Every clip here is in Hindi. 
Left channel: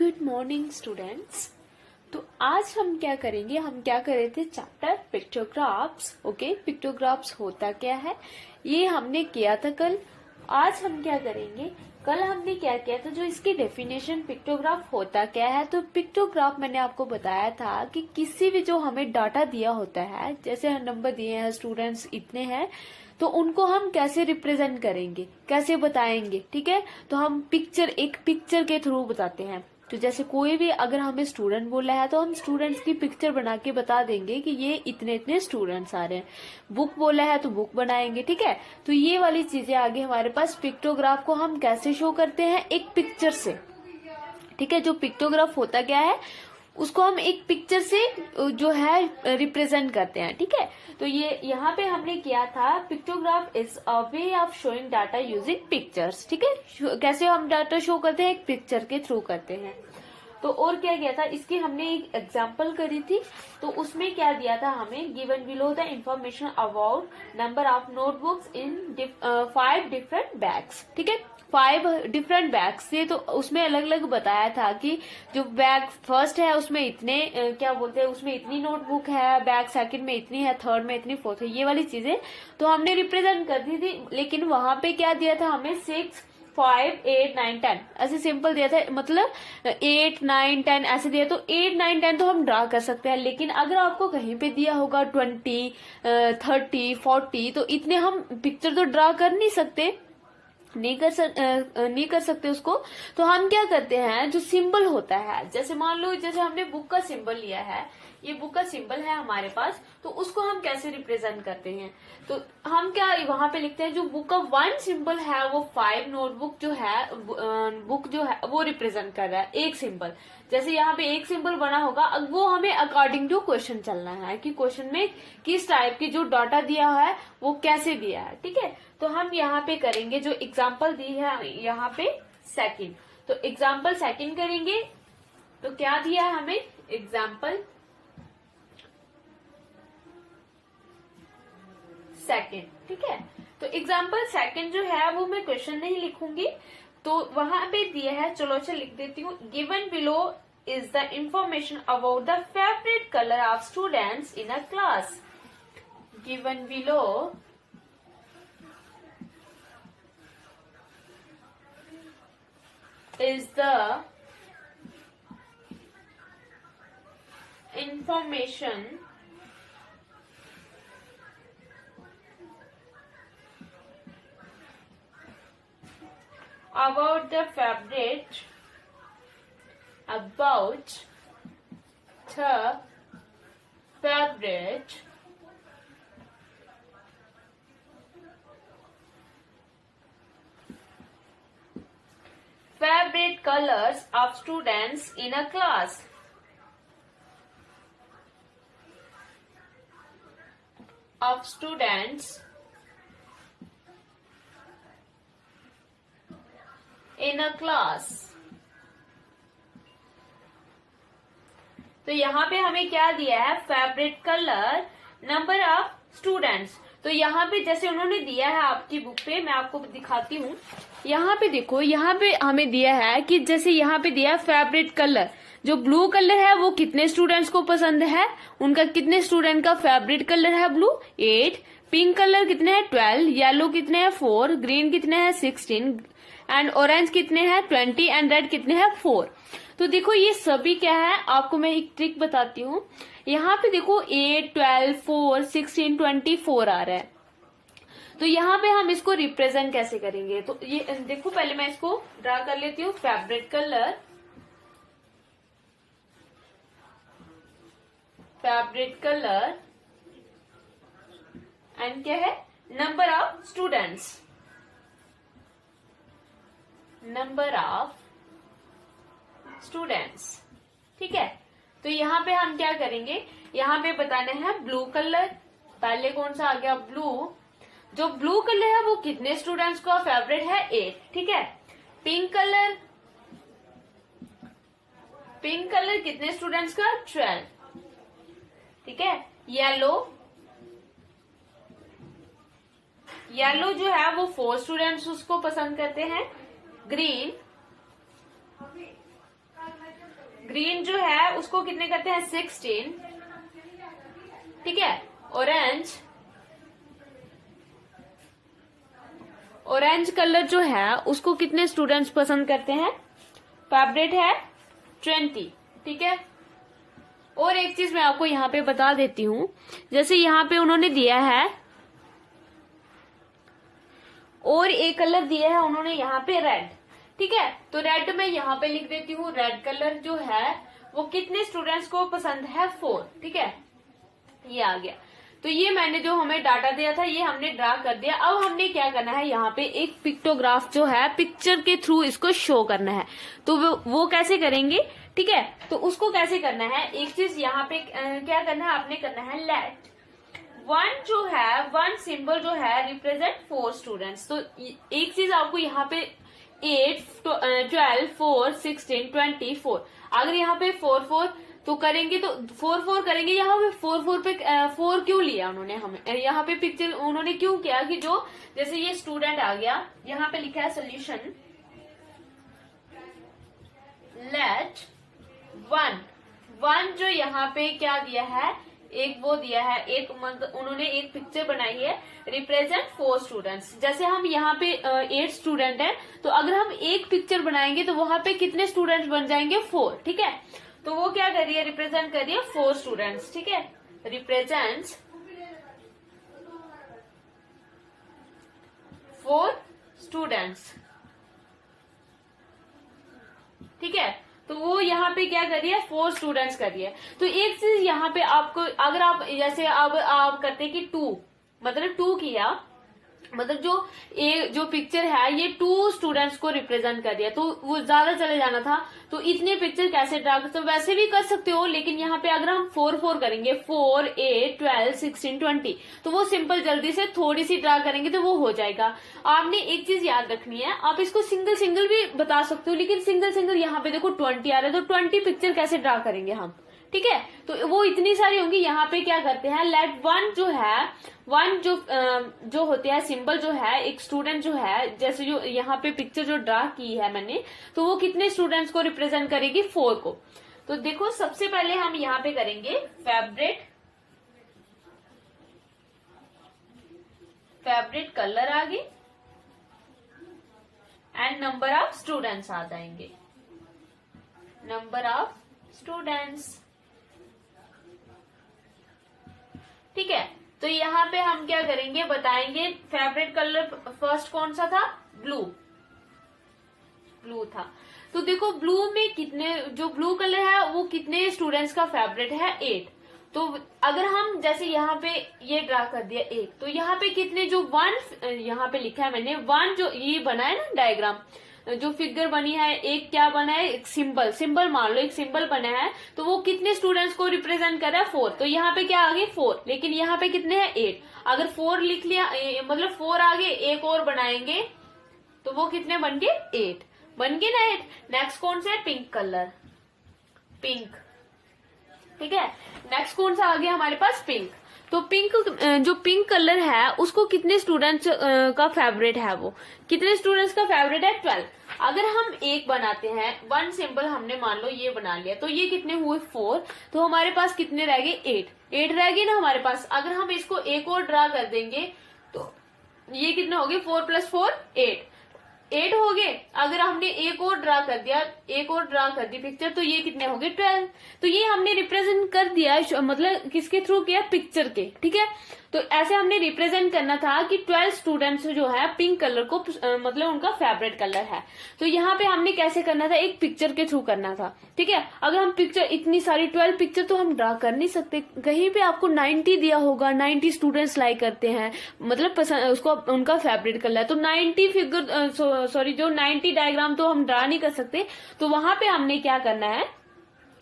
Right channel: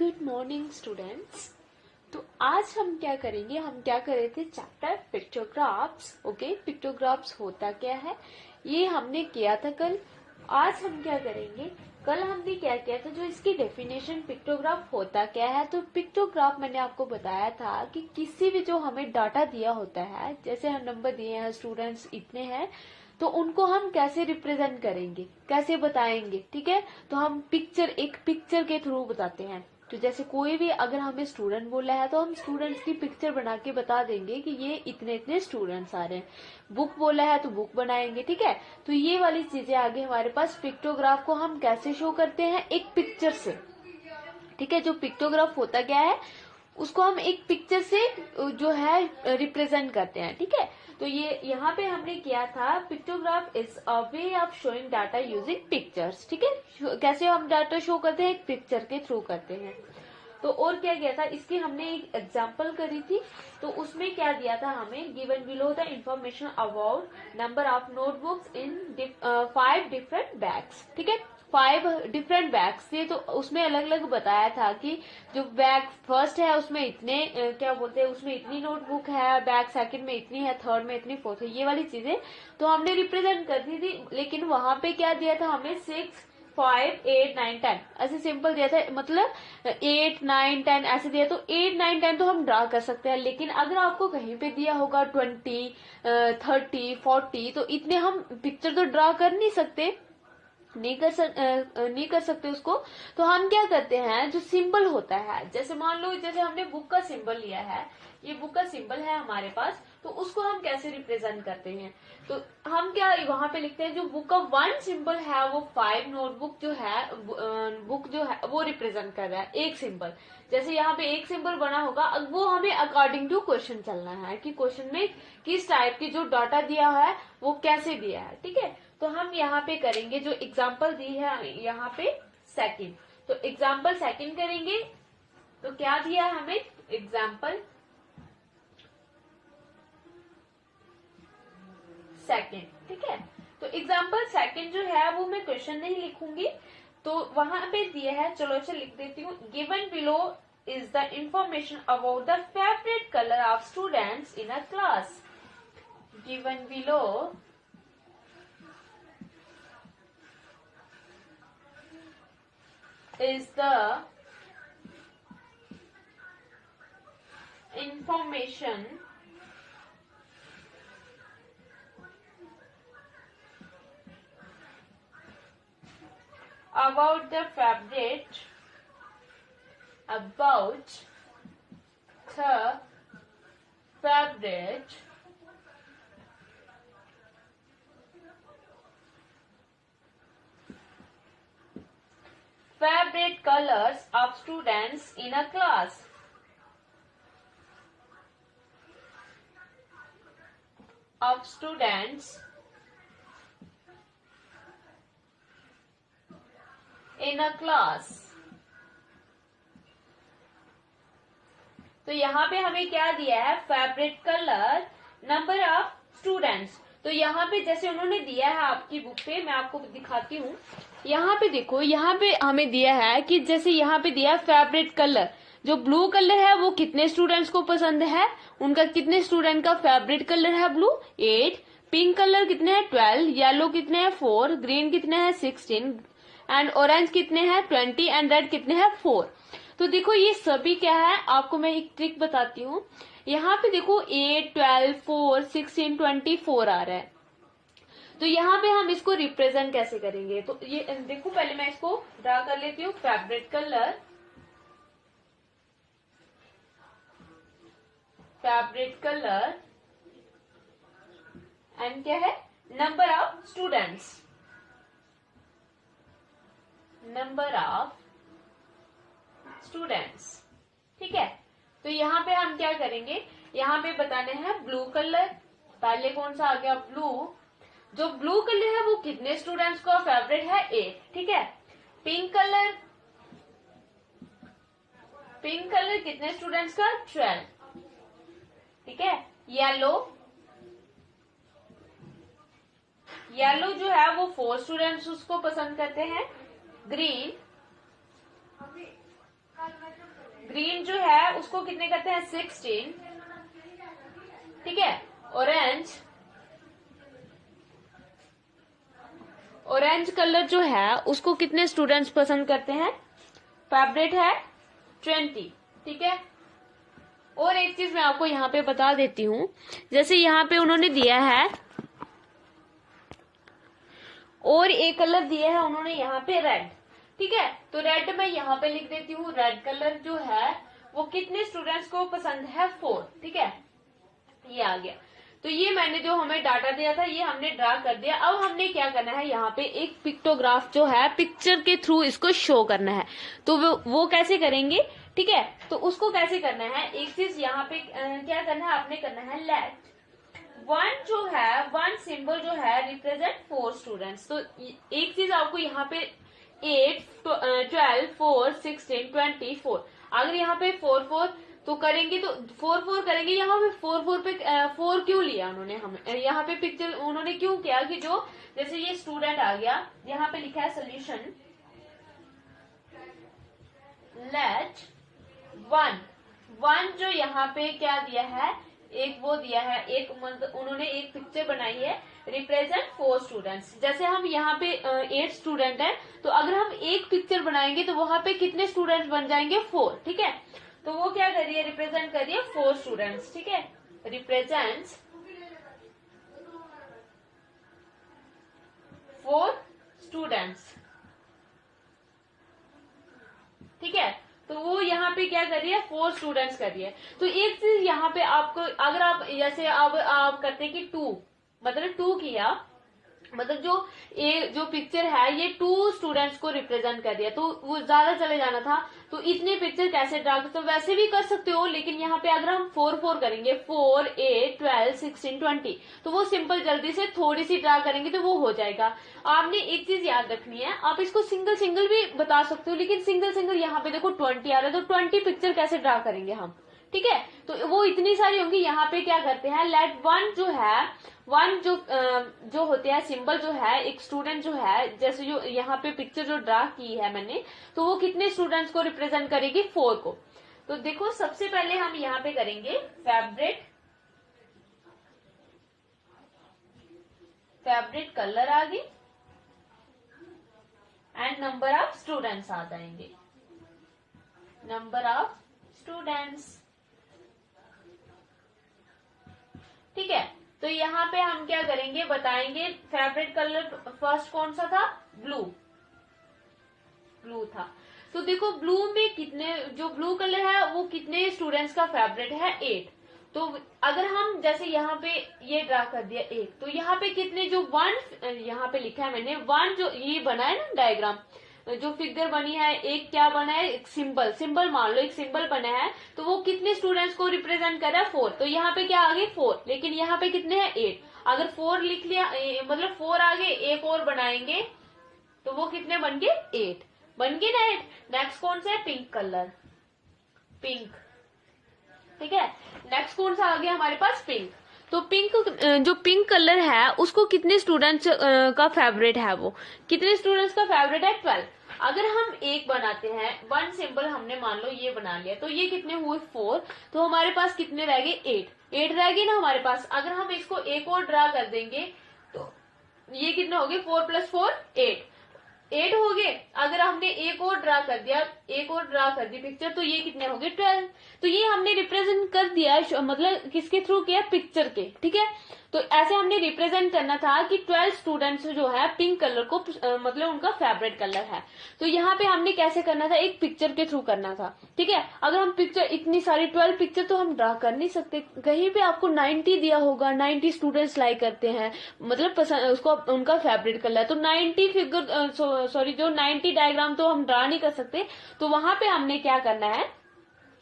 Good morning students. तो आज हम क्या करेंगे, हम क्या कर रहे थे चैप्टर पिक्टोग्राफ्स। ओके, पिक्टोग्राफ्स होता क्या है ये हमने किया था कल। आज हम क्या करेंगे, कल हमने क्या किया था, जो इसकी डेफिनेशन पिक्टोग्राफ होता क्या है। तो पिक्टोग्राफ मैंने आपको बताया था कि किसी भी जो हमें डाटा दिया होता है, जैसे हम नंबर दिए हैं, स्टूडेंट्स इतने हैं, तो उनको हम कैसे रिप्रेजेंट करेंगे, कैसे बताएंगे। ठीक है, तो हम एक पिक्चर के थ्रू बताते हैं। तो जैसे कोई भी अगर हमें स्टूडेंट बोला है तो हम स्टूडेंट्स की पिक्चर बना के बता देंगे कि ये इतने इतने स्टूडेंट्स आ रहे हैं। बुक बोला है तो बुक बनाएंगे। ठीक है, तो ये वाली चीजें आगे हमारे पास। पिक्टोग्राफ को हम कैसे शो करते हैं, एक पिक्चर से। ठीक है, जो पिक्टोग्राफ होता क्या है उसको हम एक पिक्चर से जो है रिप्रेजेंट करते हैं। ठीक है, तो ये यहाँ पे हमने किया था, pictograph is a way of showing data using pictures. ठीक है, कैसे हम डाटा शो करते हैं, एक पिक्चर के थ्रू करते हैं। तो और क्या किया था, इसकी हमने एक एग्जांपल करी थी। तो उसमें क्या दिया था हमें, given below the information about number of notebooks in 5 different bags. ठीक है, 5 डिफरेंट बैग्स थे, तो उसमें अलग अलग बताया था कि जो बैग फर्स्ट है उसमें इतने क्या बोलते हैं, उसमें इतनी नोटबुक है, बैग सेकंड में इतनी है, थर्ड में इतनी, फोर्थ है, ये वाली चीजें तो हमने रिप्रेजेंट कर दी थी। लेकिन वहां पे क्या दिया था हमें, 6, 5, 8, 9, 10 ऐसे सिंपल दिया था, मतलब 8, 9, 10 ऐसे दिया। तो 8, 9, 10 तो हम ड्रा कर सकते हैं। लेकिन अगर आपको कहीं पे दिया होगा 20, 30, 40, तो इतने हम पिक्चर तो ड्रा कर नहीं सकते, नहीं कर सकते उसको। तो हम क्या करते हैं, जो सिंबल होता है, जैसे मान लो जैसे हमने बुक का सिंबल लिया है, ये बुक का सिंबल है हमारे पास, तो उसको हम कैसे रिप्रेजेंट करते हैं। तो हम क्या वहां पे लिखते हैं, जो बुक का 1 सिंबल है वो 5 नोटबुक जो है, बुक जो है वो रिप्रेजेंट कर रहा है एक सिंबल। जैसे यहाँ पे एक सिंबल बना होगा, अब वो हमें अकॉर्डिंग टू क्वेश्चन चलना है कि क्वेश्चन में किस टाइप की जो डाटा दिया है वो कैसे दिया है। ठीक है, तो हम यहाँ पे करेंगे, जो एग्जाम्पल दी है यहाँ पे सेकंड, तो एग्जाम्पल सेकंड करेंगे। तो क्या दिया है हमें, एग्जाम्पल सेकंड। ठीक है, तो एग्जाम्पल सेकंड जो है वो मैं क्वेश्चन नहीं लिखूंगी, तो वहां पे दिया है, चलो अच्छा लिख देती हूँ। Given below is the information about the favourite colour of students in a class. Given below is the information about the favorite favorite colors of students in a class. Of students in a class. तो यहाँ पे हमें क्या दिया है, favourite colour, number of students. तो यहाँ पे जैसे उन्होंने दिया है आपकी बुक पे, मैं आपको दिखाती हूँ। यहाँ पे देखो, यहाँ पे हमें दिया है कि जैसे यहाँ पे दिया है फेवरेट कलर, जो ब्लू कलर है वो कितने स्टूडेंट्स को पसंद है, उनका कितने स्टूडेंट का फेवरेट कलर है ब्लू, 8, पिंक कलर कितने हैं 12, येलो कितने हैं 4, ग्रीन कितने हैं 16, एंड ऑरेंज कितने हैं 20, एंड रेड कितने हैं 4। तो देखो ये सभी क्या है, आपको मैं एक ट्रिक बताती हूँ। यहाँ पे देखो 8, 12, 4, 16, 24 आ रहा है। तो यहाँ पे हम इसको रिप्रेजेंट कैसे करेंगे, तो ये देखो, पहले मैं इसको ड्रा कर लेती हूँ। फेवरेट कलर, एंड क्या है, नंबर ऑफ स्टूडेंट्स, ठीक है। तो यहाँ पे हम क्या करेंगे, यहाँ पे बताने हैं ब्लू कलर। पहले कौन सा आ गया, ब्लू। जो ब्लू कलर है वो कितने स्टूडेंट्स का फेवरेट है, 8। ठीक है, पिंक कलर कितने स्टूडेंट्स का, 12। ठीक है, येलो जो है वो 4 स्टूडेंट्स उसको पसंद करते हैं। ग्रीन ग्रीन जो है उसको कितने करते हैं 16, ठीक है। ऑरेंज कलर जो है उसको कितने स्टूडेंट्स पसंद करते हैं, फेवरेट है 20, ठीक है। और एक चीज मैं आपको यहाँ पे बता देती हूँ, जैसे यहाँ पे उन्होंने दिया है और एक कलर दिया है उन्होंने यहाँ पे रेड, ठीक है। तो रेड मैं यहाँ पे लिख देती हूँ, रेड कलर जो है वो कितने स्टूडेंट्स को पसंद है 4, ठीक है। ये आ गया। तो ये मैंने जो हमें डाटा दिया था ये हमने ड्रा कर दिया। अब हमने क्या करना है, यहाँ पे एक पिक्टोग्राफ जो है पिक्चर के थ्रू इसको शो करना है। तो वो कैसे करेंगे, ठीक है। तो उसको कैसे करना है, एक चीज यहाँ पे क्या करना है, आपने करना है लेट वन जो है, वन सिंबल जो है रिप्रेजेंट 4 स्टूडेंट्स। तो एक चीज आपको यहाँ पे 8, 12, 4, 16, 24, अगर यहाँ पे 4 4 तो करेंगे तो 4 4 करेंगे। यहाँ पे 4 4 पे 4 क्यों लिया उन्होंने, हमें यहाँ पे पिक्चर उन्होंने क्यों किया कि जो जैसे ये स्टूडेंट आ गया, यहाँ पे लिखा है सोल्यूशन लेट वन जो यहाँ पे क्या दिया है, एक वो दिया है, एक उन्होंने एक पिक्चर बनाई है रिप्रेजेंट 4 स्टूडेंट्स। जैसे हम यहाँ पे 8 स्टूडेंट हैं, तो अगर हम एक पिक्चर बनाएंगे तो वहां पे कितने स्टूडेंट्स बन जाएंगे 4, ठीक है। तो वो क्या कर रही है, रिप्रेजेंट कर रही है 4 स्टूडेंट्स, ठीक है। रिप्रेजेंट्स 4 स्टूडेंट्स, ठीक है। तो वो यहाँ पे क्या कर रही है, 4 स्टूडेंट्स कर रही है। तो एक चीज यहाँ पे आपको, अगर आप जैसे अब आप करते कि 2 मतलब 2 किया, मतलब जो पिक्चर है ये 2 स्टूडेंट्स को रिप्रेजेंट कर दिया, तो वो ज्यादा चले जाना था। तो इतने पिक्चर कैसे ड्रा कर सकते हो, वैसे भी कर सकते हो, लेकिन यहाँ पे अगर हम 4 4 करेंगे 4, 8, 12, 16, 20, तो वो सिंपल जल्दी से थोड़ी सी ड्रा करेंगे तो वो हो जाएगा। आपने एक चीज याद रखनी है, आप इसको सिंगल सिंगल भी बता सकते हो, लेकिन सिंगल सिंगल यहाँ पे देखो 20 आ रहा है, तो 20 पिक्चर कैसे ड्रा करेंगे हम, ठीक है। तो वो इतनी सारी होंगी। यहाँ पे क्या करते हैं, लेट वन जो है, वन जो होते हैं सिंबल जो है, एक स्टूडेंट जो है, जैसे जो यहाँ पे पिक्चर जो ड्रा की है मैंने, तो वो कितने स्टूडेंट्स को रिप्रेजेंट करेगी 4 को। तो देखो सबसे पहले हम यहाँ पे करेंगे फेवरेट कलर आगे एंड नंबर ऑफ स्टूडेंट्स आ जाएंगे, नंबर ऑफ स्टूडेंट्स, ठीक है। तो यहाँ पे हम क्या करेंगे, बताएंगे फेवरेट कलर फर्स्ट कौन सा था, ब्लू था। तो देखो ब्लू में कितने, जो ब्लू कलर है वो कितने स्टूडेंट्स का फेवरेट है 8। तो अगर हम जैसे यहाँ पे ये ड्रा कर दिया 8, तो यहाँ पे कितने, जो 1 यहाँ पे लिखा है मैंने 1, जो ये बना है ना डायग्राम, जो फिगर बनी है, एक क्या बना है, एक सिंबल मान लो एक सिंबल बना है, तो वो कितने स्टूडेंट्स को रिप्रेजेंट कर रहा है 4। तो यहाँ पे क्या आगे 4, लेकिन यहाँ पे कितने हैं 8। अगर 4 लिख लिया, मतलब 4 आगे एक और बनाएंगे तो वो कितने बन गए 8, बन गए ना 8। नेक्स्ट कौन सा है, पिंक कलर, पिंक, ठीक है। नेक्स्ट कौन सा आ गया हमारे पास, पिंक। तो पिंक, जो पिंक कलर है उसको कितने स्टूडेंट्स का फेवरेट है, वो कितने स्टूडेंट्स का फेवरेट है 12। अगर हम एक बनाते हैं, 1 सिंबल हमने मान लो ये बना लिया, तो ये कितने हुए 4, तो हमारे पास कितने रह गए 8 रह गए ना हमारे पास। अगर हम इसको एक और ड्रा कर देंगे तो ये कितने हो गए, 4 + 4 8 हो गए। अगर हमने एक और ड्रा कर दिया, एक और ड्रा कर दी पिक्चर, तो ये कितने हो गए 12। तो ये हमने रिप्रेजेंट कर दिया, मतलब किसके थ्रू किया, पिक्चर के, ठीक है। तो ऐसे हमने रिप्रेजेंट करना था कि 12 स्टूडेंट्स जो है पिंक कलर को मतलब उनका फेवरेट कलर है। तो यहाँ पे हमने कैसे करना था, एक पिक्चर के थ्रू करना था, ठीक है। अगर हम पिक्चर इतनी सारी 12 पिक्चर तो हम ड्रा कर नहीं सकते। कहीं पे आपको 90 दिया होगा, 90 स्टूडेंट्स लाइक करते हैं, मतलब उसको उनका फेवरेट कलर है, तो 90 फिगर जो 90 डायग्राम तो हम ड्रा नहीं कर सकते। तो वहां पे हमने क्या करना है,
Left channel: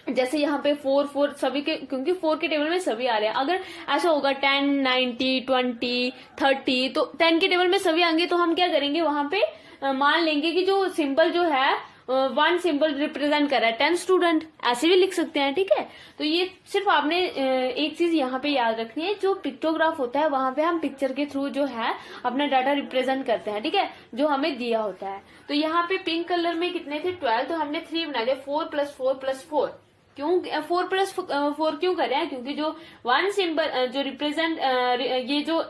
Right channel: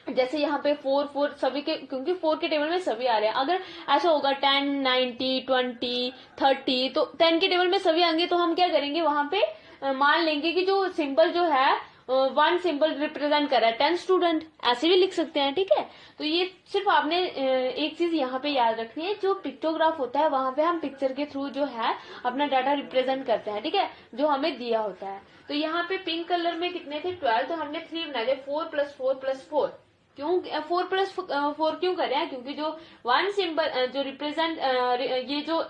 जैसे यहाँ पे 4 4 सभी के, क्योंकि 4 के टेबल में सभी आ रहे हैं। अगर ऐसा होगा 10, 90, 20, 30, तो 10 के टेबल में सभी आएंगे, तो हम क्या करेंगे, वहां पे मान लेंगे कि जो सिंबल जो है वन सिंबल रिप्रेजेंट कर रहा है 10 स्टूडेंट, ऐसे भी लिख सकते हैं। ठीक है, तो ये सिर्फ आपने एक चीज यहाँ पे याद रखनी है, जो पिक्टोग्राफ होता है वहां पे हम पिक्चर के थ्रू जो है अपना डाटा रिप्रेजेंट करते हैं। ठीक है, जो हमें दिया होता है। तो यहाँ पे पिंक कलर में कितने थे 12, तो हमने 3 बना दिया, 4 + 4 + 4। क्यों 4 + 4 क्यों कर रहे हैं? क्योंकि जो वन सिंबल जो रिप्रेजेंट ये जो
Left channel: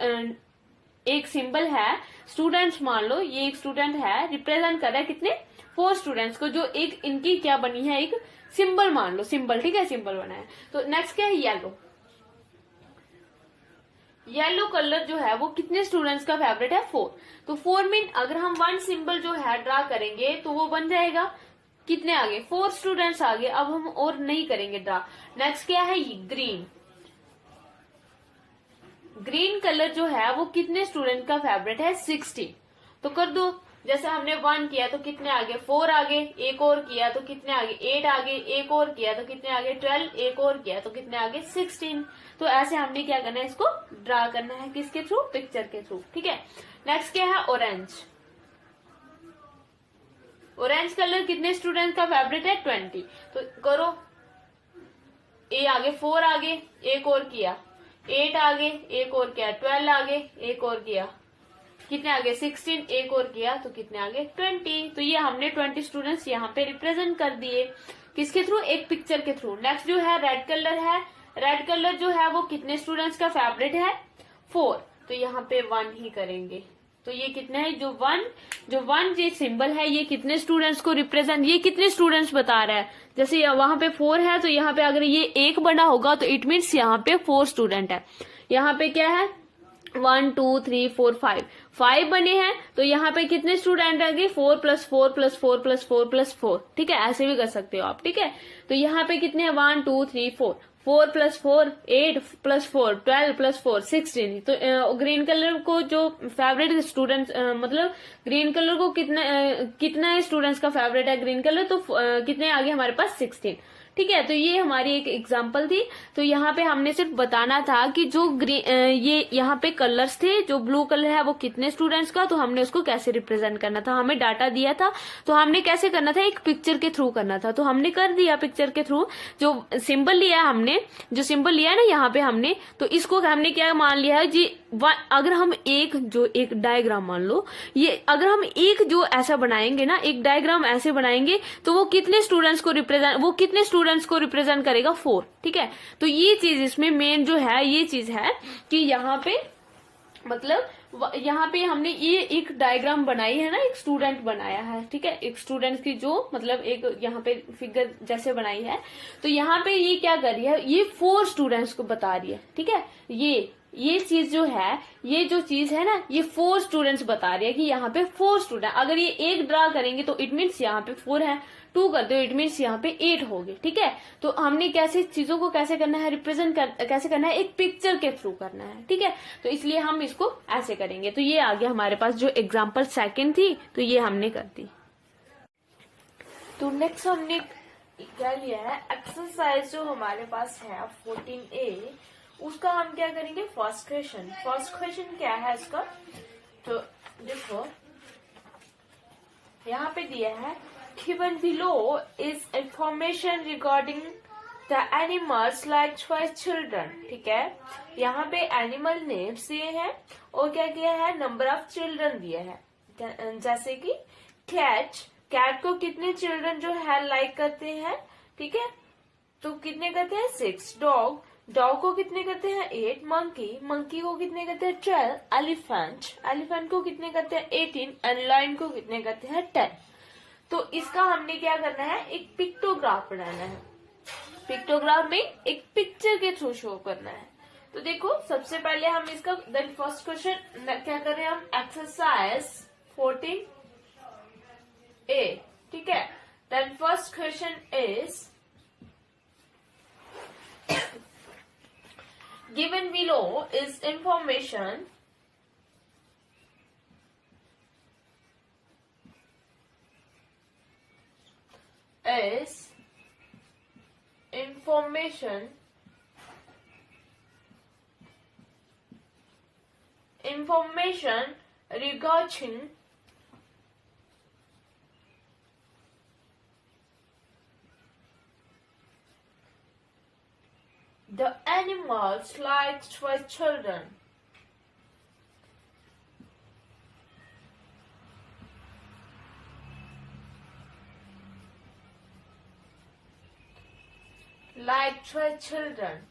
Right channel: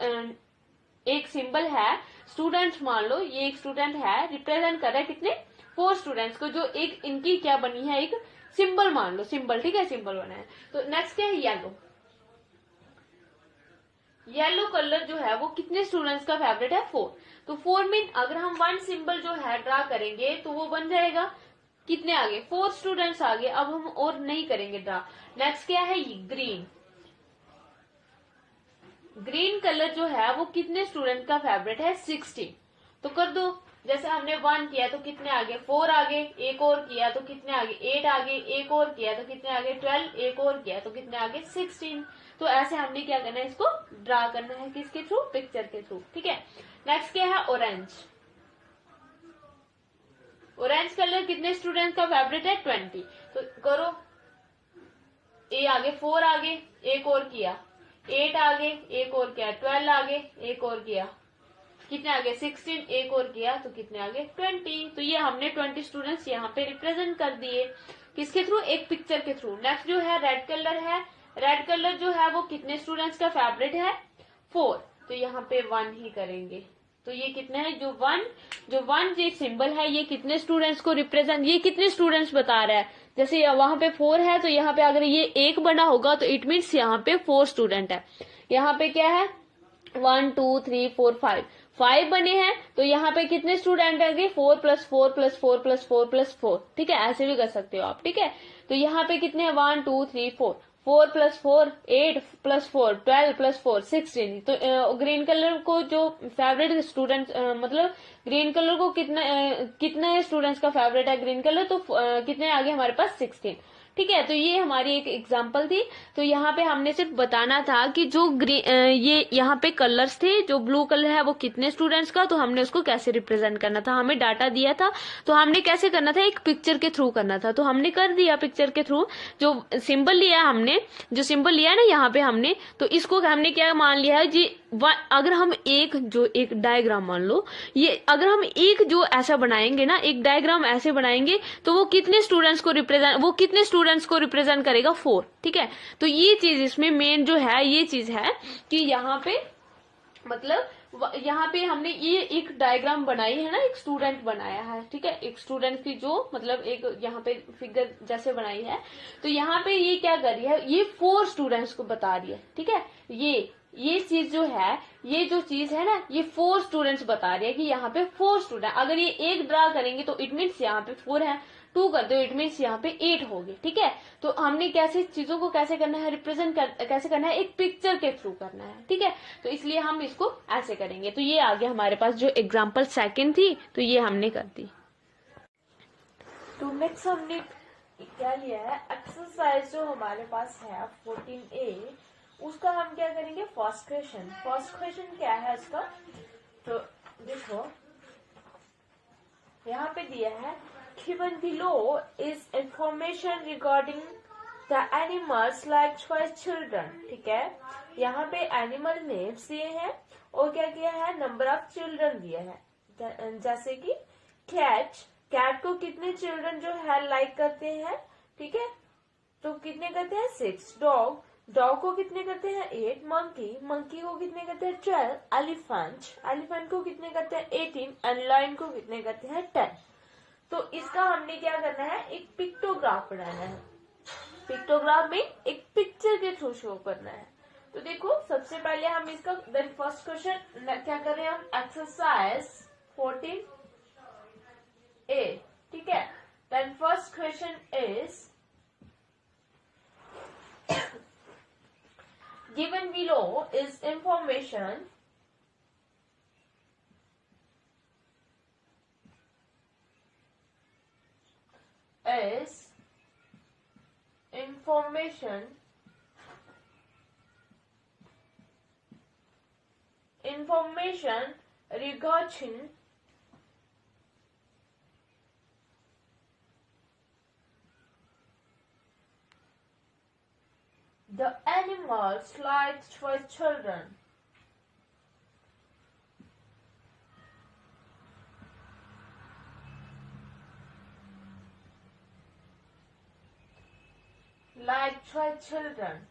एक सिंबल है, स्टूडेंट्स मान लो ये एक स्टूडेंट है, रिप्रेजेंट कर रहा है कितने 4 स्टूडेंट्स को, जो एक इनकी क्या बनी है, एक सिंबल मान लो, सिंबल। ठीक है, सिंबल बना है। तो नेक्स्ट क्या है, येलो। येलो कलर जो है वो कितने स्टूडेंट्स का फेवरेट है, 4। तो 4 मीन अगर हम वन सिंबल जो है ड्रा करेंगे तो वो बन जाएगा कितने आगे, 4 स्टूडेंट्स आगे। अब हम और नहीं करेंगे ड्रा। नेक्स्ट क्या है, ग्रीन। ग्रीन कलर जो है वो कितने स्टूडेंट का फेवरेट है, 16। तो कर दो, जैसे हमने 1 किया तो कितने आगे, 4 आगे, एक और किया तो कितने आगे, 8 आगे, एक और किया तो कितने आगे, 12, एक और किया तो कितने आगे, 16। तो ऐसे हमने क्या करना है, इसको ड्रा करना है, किसके थ्रू, पिक्चर के थ्रू। ठीक है, नेक्स्ट क्या है, ऑरेंज। ऑरेंज कलर कितने स्टूडेंट का फेवरेट है, 20। तो करो, ए आगे, 4 आगे, एक और किया, 8 आगे, एक और किया, 12 आगे, एक और किया, कितने आगे, 16, एक और किया तो कितने आगे, 20। तो ये हमने 20 स्टूडेंट्स यहाँ पे रिप्रेजेंट कर दिए, किसके थ्रू, एक पिक्चर के थ्रू। नेक्स्ट जो है रेड कलर है। रेड कलर जो है वो कितने स्टूडेंट्स का फेवरेट है, 4। तो यहाँ पे 1 ही करेंगे। तो ये कितने है, जो वन ये सिंबल है, ये कितने स्टूडेंट्स को रिप्रेजेंट, ये कितने स्टूडेंट्स बता रहा है। जैसे वहां पे 4 है, तो यहाँ पे अगर ये 1 बना होगा तो इट मीन्स यहाँ पे 4 स्टूडेंट है। यहाँ पे क्या है, 1 2 3 4 5 बने हैं, तो यहाँ पे कितने स्टूडेंट रहेंगे, 4 + 4 + 4 + 4 + 4। ठीक है, ऐसे भी कर सकते हो आप। ठीक है, तो यहाँ पे कितने हैं, 1 2 3 4, 4 + 4 8 + 4 12 + 4 16। तो ग्रीन कलर को जो फेवरेट स्टूडेंट मतलब ग्रीन कलर को कितने स्टूडेंट्स का फेवरेट है ग्रीन कलर, तो कितने आगे हमारे पास, 16। ठीक है, तो ये हमारी एक एग्जांपल थी। तो यहाँ पे हमने सिर्फ बताना था कि जो ये यहाँ पे कलर्स थे, जो ब्लू कलर है वो कितने स्टूडेंट्स का, तो हमने उसको कैसे रिप्रेजेंट करना था। हमें डाटा दिया था तो हमने कैसे करना था, एक पिक्चर के थ्रू करना था। तो हमने कर दिया पिक्चर के थ्रू। जो सिंबल लिया हमने, जो सिंबल लिया है ना यहाँ पे हमने, तो इसको हमने क्या मान लिया है जी, अगर हम एक डायग्राम मान लो, ये अगर हम एक जो ऐसा बनाएंगे ना, एक डायग्राम ऐसे बनाएंगे, तो वो कितने स्टूडेंट्स को रिप्रेजेंट करेगा, 4। ठीक है, तो ये चीज इसमें मेन जो है, ये चीज है कि यहाँ पे मतलब यहाँ पे हमने ये एक डायग्राम बनाई है ना, एक स्टूडेंट बनाया है। ठीक है, एक स्टूडेंट की जो मतलब एक यहाँ पे फिगर जैसे बनाई है, तो यहाँ पे ये क्या कर रही है, ये 4 स्टूडेंट्स को बता रही है। ठीक है, ये चीज जो है, ये जो चीज है ना, ये 4 स्टूडेंट्स बता रही है कि यहाँ पे 4 स्टूडेंट। अगर ये एक ड्रा करेंगे तो इट मीन्स यहाँ पे 4 है, 2 करते हो इट मीन्स यहाँ पे 8 हो गए। ठीक है, तो हमने कैसे चीजों को कैसे करना है, कैसे करना है, एक पिक्चर के थ्रू करना है। ठीक है, तो इसलिए हम इसको ऐसे करेंगे। तो ये आगे हमारे पास जो एग्जाम्पल सेकंड थी, तो ये हमने कर दी। तो नेक्स्ट हमने क्या लिया है, एक्सरसाइज जो हमारे पास है 14A, उसका हम क्या करेंगे, फर्स्ट क्वेश्चन क्या है इसका। तो देखो यहाँ पे दिया है, given below is information regarding the animals liked by children। ठीक है, यहाँ पे एनिमल नेम्स दिए हैं और क्या दिया है, नंबर ऑफ चिल्ड्रन दिए हैं। जैसे कि कैट को कितने चिल्ड्रन जो है लाइक करते हैं। ठीक है, तो कितने करते हैं, 6। डॉग को कितने करते हैं, 8। मंकी को कितने करते हैं, 12। एलिफेंट को कितने करते हैं, 18। एंड लायन को कितने करते हैं, 10। तो इसका हमने क्या करना है, एक पिक्टोग्राफ बनाना है। पिक्टोग्राफ में एक पिक्चर के थ्रू शो करना है। तो देखो सबसे पहले हम इसका देन फर्स्ट क्वेश्चन क्या कर रहे हैं हम, एक्सरसाइज 14A। ठीक है, then first question is given below is information regarding The animals liked for children. Liked for children.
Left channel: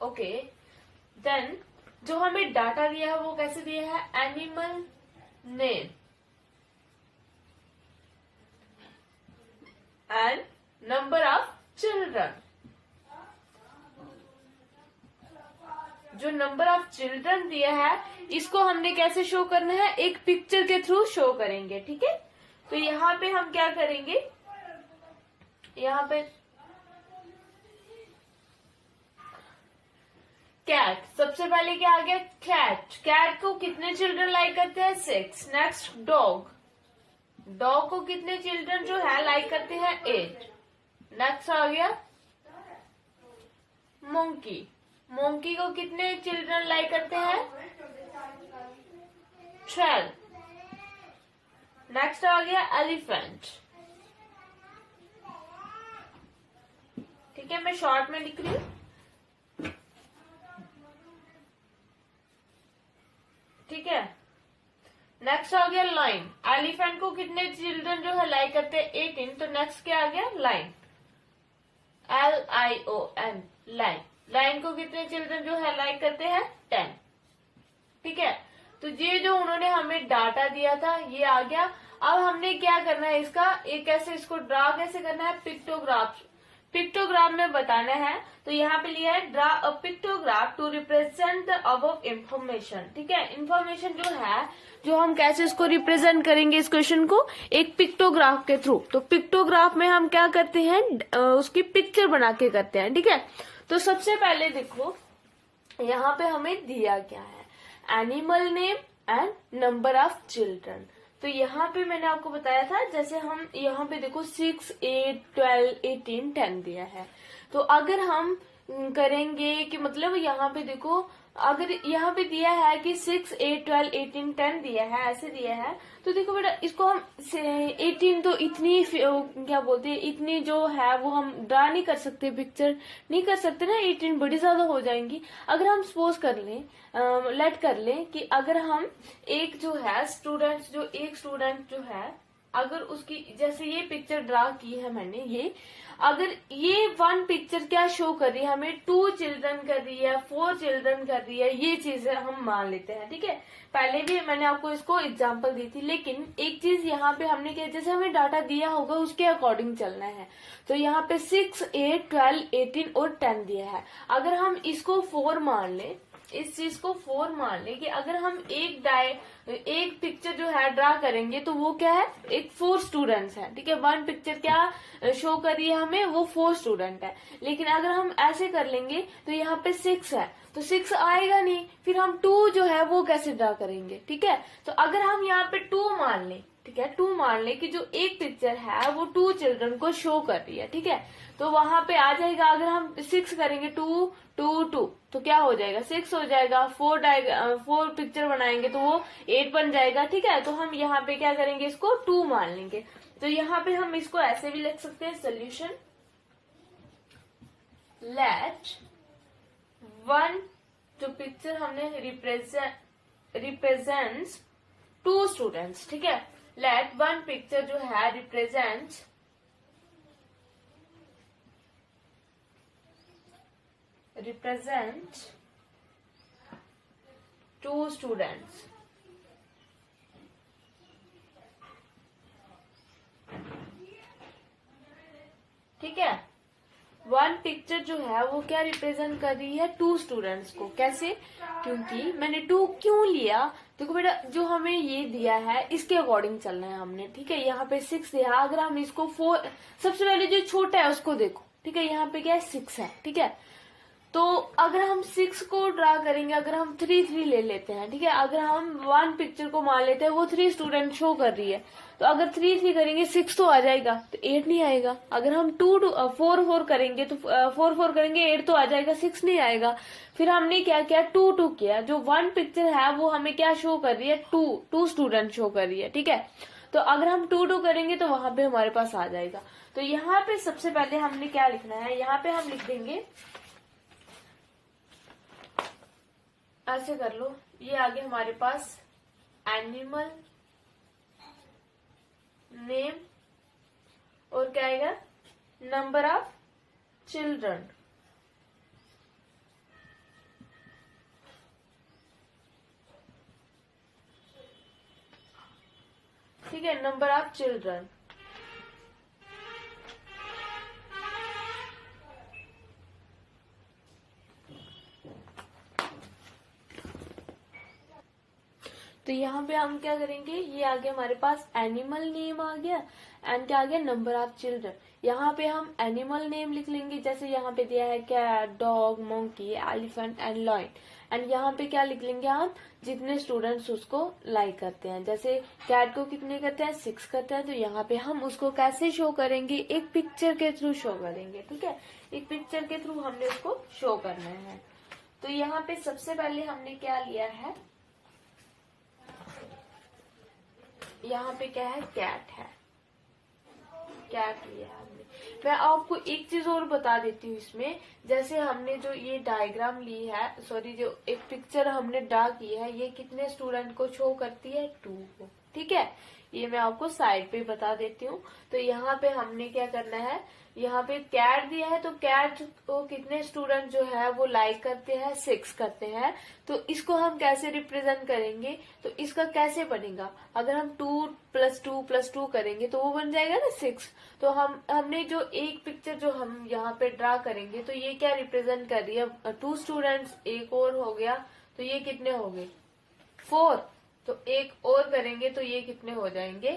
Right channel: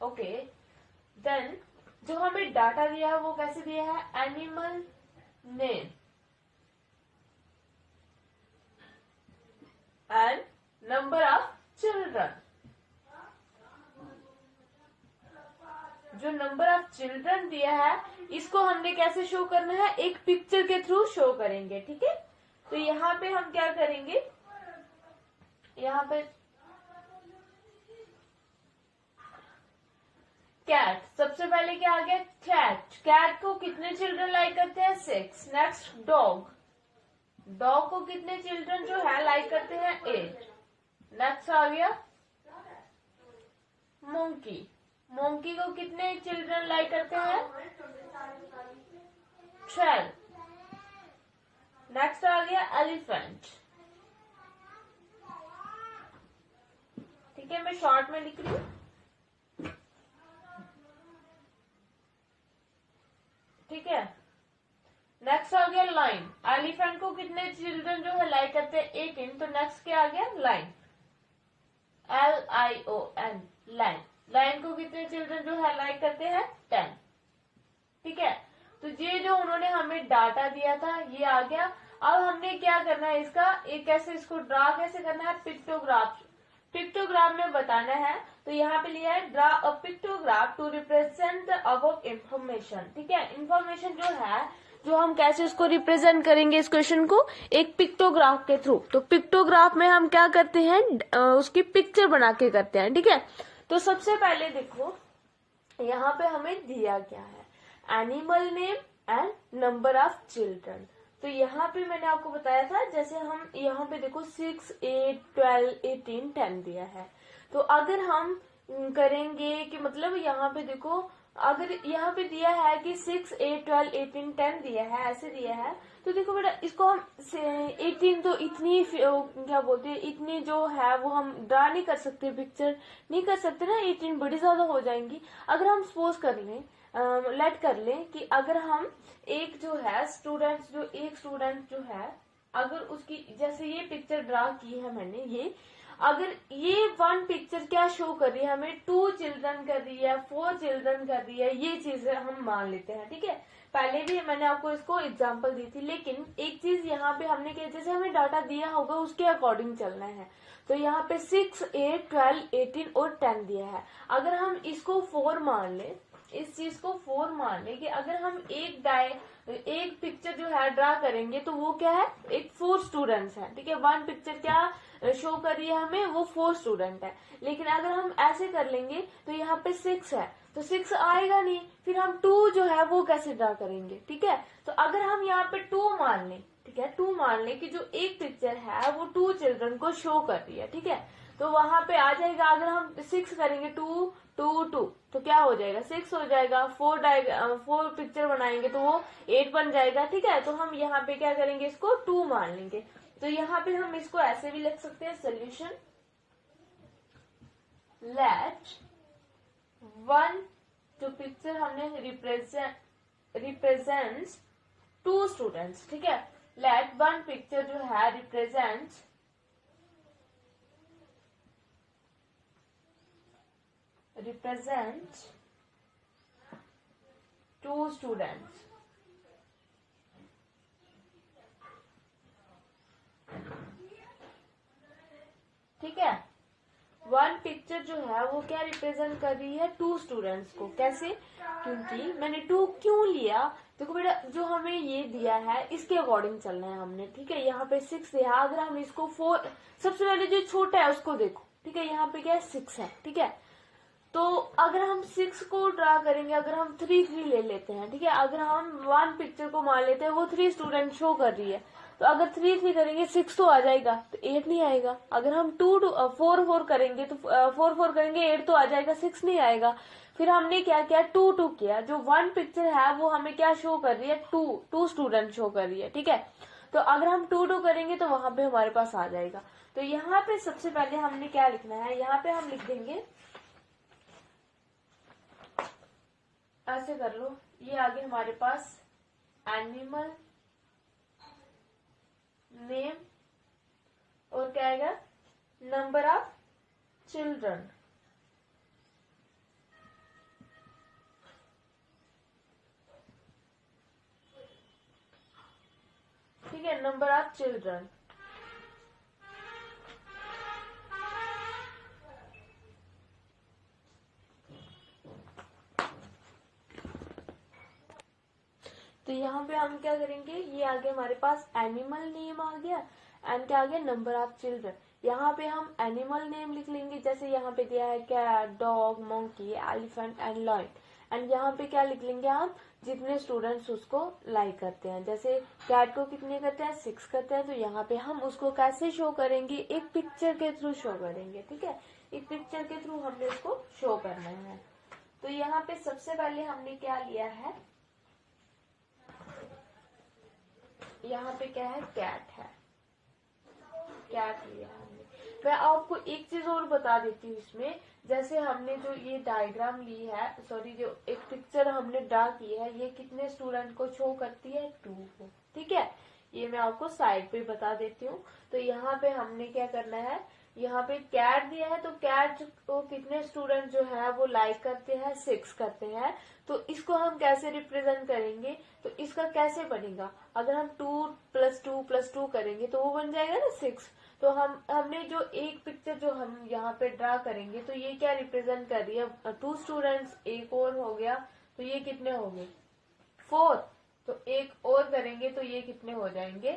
Okay. Then जो हमें डाटा दिया है वो कैसे दिया है? Animal name and number of children. जो नंबर ऑफ चिल्ड्रन दिया है इसको हमने कैसे शो करना है? एक पिक्चर के थ्रू शो करेंगे. ठीक है. तो यहाँ पे हम क्या करेंगे? यहाँ पे कैट. सबसे पहले क्या आ गया? कैट. कैट को कितने चिल्ड्रन लाइक करते हैं? 6. Next dog. डॉग को कितने चिल्ड्रन जो है लाइक करते हैं? 8. नेक्स्ट आ गया मोंकी. मोंकी को कितने चिल्ड्रन लाइक करते हैं? 12. नेक्स्ट आ गया एलिफेंट. ठीक है, मैं शॉर्ट में लिख रही हूं. ठीक है. नेक्स्ट आ गया लाइन. एलिफेंट को कितने चिल्ड्रन जो है लाइक करते हैं? 18. तो नेक्स्ट क्या आ गया? लाइन. LION. लाइन. लाइन को कितने चिल्ड्रन जो है लाइक करते हैं? 10. ठीक है. तो ये जो उन्होंने हमें डाटा दिया था ये आ गया. अब हमने क्या करना है इसका? एक कैसे इसको ड्रा कैसे करना है? पिक्टोग्राफ. पिक्टोग्राफ में बताना है. तो यहाँ पे लिया है draw a pictograph to represent the above information. ठीक है. इंफॉर्मेशन जो है जो हम कैसे इसको रिप्रेजेंट करेंगे इस क्वेश्चन को? एक पिक्टोग्राफ के थ्रू. तो पिक्टोग्राफ में हम क्या करते हैं? उसकी पिक्चर बना के करते हैं. ठीक है. तो सबसे पहले देखो यहाँ पे हमें दिया क्या है? Animal name and number of children. तो यहाँ पे मैंने आपको बताया था जैसे हम यहाँ पे देखो 6, 8, 12, 18, 10 दिया है. तो अगर हम करेंगे कि मतलब यहाँ पे देखो अगर यहाँ पे दिया है कि 6, 8, 12, 18, 10 दिया है, ऐसे दिया है. तो देखो बेटा इसको हम 18 तो इतनी क्या बोलते हैं इतनी जो है वो हम ड्रा नहीं कर सकते, पिक्चर नहीं कर सकते ना. 18 बड़ी ज्यादा हो जाएंगी. अगर हम सपोज कर लें लेट कर लें कि अगर हम एक जो है एक स्टूडेंट जो है अगर उसकी जैसे ये पिक्चर ड्रा की है मैंने ये अगर ये वन पिक्चर क्या शो कर रही है हमें 2 चिल्ड्रन कर रही है 4 चिल्ड्रन कर रही है ये चीजें हम मान लेते हैं. ठीक है. पहले भी मैंने आपको इसको एग्जांपल दी थी. लेकिन एक चीज यहाँ पे हमने क्या जैसे हमें डाटा दिया होगा उसके अकॉर्डिंग चलना है. तो यहाँ पे 6, 8, 12, 18 और 10 दिया है. अगर हम इसको 4 मान ले इस चीज को 4 मान ले कि अगर हम एक पिक्चर जो है ड्रा करेंगे तो वो क्या है? एक 4 स्टूडेंट्स है. ठीक है. वन पिक्चर क्या शो कर रही है हमें? वो 4 स्टूडेंट है. लेकिन अगर हम ऐसे कर लेंगे तो यहाँ पे 6 है तो 6 आएगा नहीं. फिर हम 2 जो है वो कैसे ड्रा करेंगे? ठीक है. तो अगर हम यहाँ पे 2 मान ले. ठीक है. 2 मान ले कि जो एक पिक्चर है वो 2 चिल्ड्रन को शो कर रही है. ठीक है. तो वहां पे आ जाएगा. अगर हम 6 करेंगे 2, 2, 2 तो क्या हो जाएगा? 6 हो जाएगा. 4 पिक्चर बनाएंगे तो वो 8 बन जाएगा. ठीक है. तो हम यहाँ पे क्या करेंगे? इसको 2 मान लेंगे. तो यहाँ पे हम इसको ऐसे भी लिख सकते हैं सोल्यूशन लेट वन जो पिक्चर हमने रिप्रेजेंट्स 2 स्टूडेंट्स. ठीक है. लेट वन पिक्चर जो है रिप्रेजेंट्स represent 2 students. ठीक है. वन पिक्चर जो है वो क्या रिप्रेजेंट कर रही है? 2 स्टूडेंट्स को. कैसे? क्योंकि मैंने 2 क्यों लिया? देखो बेटा जो हमें ये दिया है इसके अकॉर्डिंग चलना है हमने. ठीक है. यहाँ पे 6 दिया. अगर हम इसको 4 सबसे पहले जो छोटा है उसको देखो. ठीक है. यहाँ पे क्या है? 6 है. ठीक है. तो अगर हम 6 को ड्रा करेंगे अगर हम 3 ले लेते हैं. ठीक है. अगर हम वन पिक्चर को मान लेते हैं वो 3 स्टूडेंट शो कर रही है तो अगर 3 करेंगे 6 तो आ जाएगा तो 8 नहीं आएगा. अगर हम 4 करेंगे तो 4 करेंगे 8 तो आ जाएगा 6 नहीं आएगा. फिर हमने क्या किया? 2 किया. जो वन पिक्चर है वो हमें क्या शो कर रही है? 2 स्टूडेंट शो कर रही है. ठीक है. तो अगर हम 2 2 करेंगे तो वहां पे हमारे पास आ जाएगा। तो यहाँ पे सबसे पहले हमने क्या लिखना है, यहाँ पे हम लिख देंगे, ऐसे कर लो, ये आगे हमारे पास एनिमल नेम और क्या आएगा, नंबर ऑफ चिल्ड्रन। ठीक है, नंबर ऑफ चिल्ड्रन। तो यहाँ पे हम क्या करेंगे, ये आगे हमारे पास एनिमल नेम आ गया एंड क्या आ गया, नंबर ऑफ चिल्ड्रन। यहाँ पे हम एनिमल नेम लिख लेंगे, जैसे यहाँ पे दिया है cat, dog, monkey, elephant and lion. And यहाँ पे क्या लिख लेंगे हम, जितने स्टूडेंट्स उसको लाइक करते हैं। जैसे कैट को कितने करते हैं, 6 करते हैं, तो यहाँ पे हम उसको कैसे शो करेंगे, एक पिक्चर के थ्रू शो करेंगे। ठीक है, एक पिक्चर के थ्रू हमने उसको शो करना है। तो यहाँ पे सबसे पहले हमने क्या लिया है, यहाँ पे क्या है, कैट है, कैट लिया है हमने। मैं आपको एक चीज और बता देती हूँ इसमें, जैसे हमने जो ये डायग्राम ली है, सॉरी जो एक पिक्चर हमने ड्रा की है, ये कितने स्टूडेंट को शो करती है, 2 को। ठीक है, ये मैं आपको साइड पे बता देती हूँ। तो यहाँ पे हमने क्या करना है, यहाँ पे कैट दिया है, तो कैट को कितने स्टूडेंट जो है वो लाइक करते हैं, 6 करते हैं। तो इसको हम कैसे रिप्रेजेंट करेंगे, तो इसका कैसे बनेगा, अगर हम 2 + 2 + 2 करेंगे तो वो बन जाएगा ना 6। तो हमने जो एक पिक्चर जो हम यहाँ पे ड्रा करेंगे, तो ये क्या रिप्रेजेंट कर रही है, 2 स्टूडेंट्स, एक और हो गया, तो ये कितने हो गए, 4। तो एक और करेंगे तो ये कितने हो जाएंगे,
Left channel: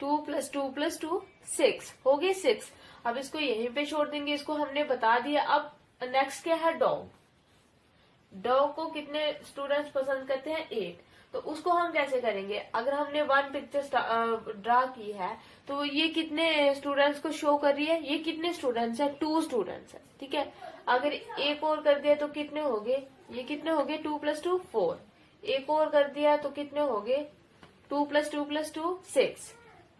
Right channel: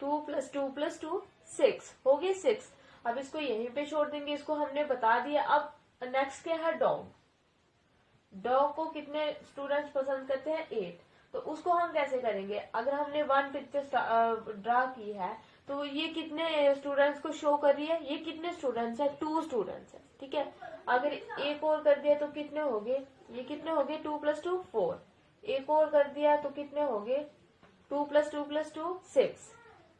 2 + 2 + 2 6 हो गए 6। अब इसको यहीं पे छोड़ देंगे, इसको हमने बता दिया। अब नेक्स्ट क्या है, डॉग। डॉग को कितने स्टूडेंट्स पसंद करते हैं, 8। तो उसको हम कैसे करेंगे, अगर हमने 1 पिक्चर ड्रा की है, तो ये कितने स्टूडेंट्स को शो कर रही है, ये कितने स्टूडेंट्स है, 2 स्टूडेंट्स है। ठीक है, अगर एक और कर दिया तो कितने हो गए, ये कितने हो गए, 2 + 2 4। एक और कर दिया तो कितने हो गए, 2 + 2 + 2 6।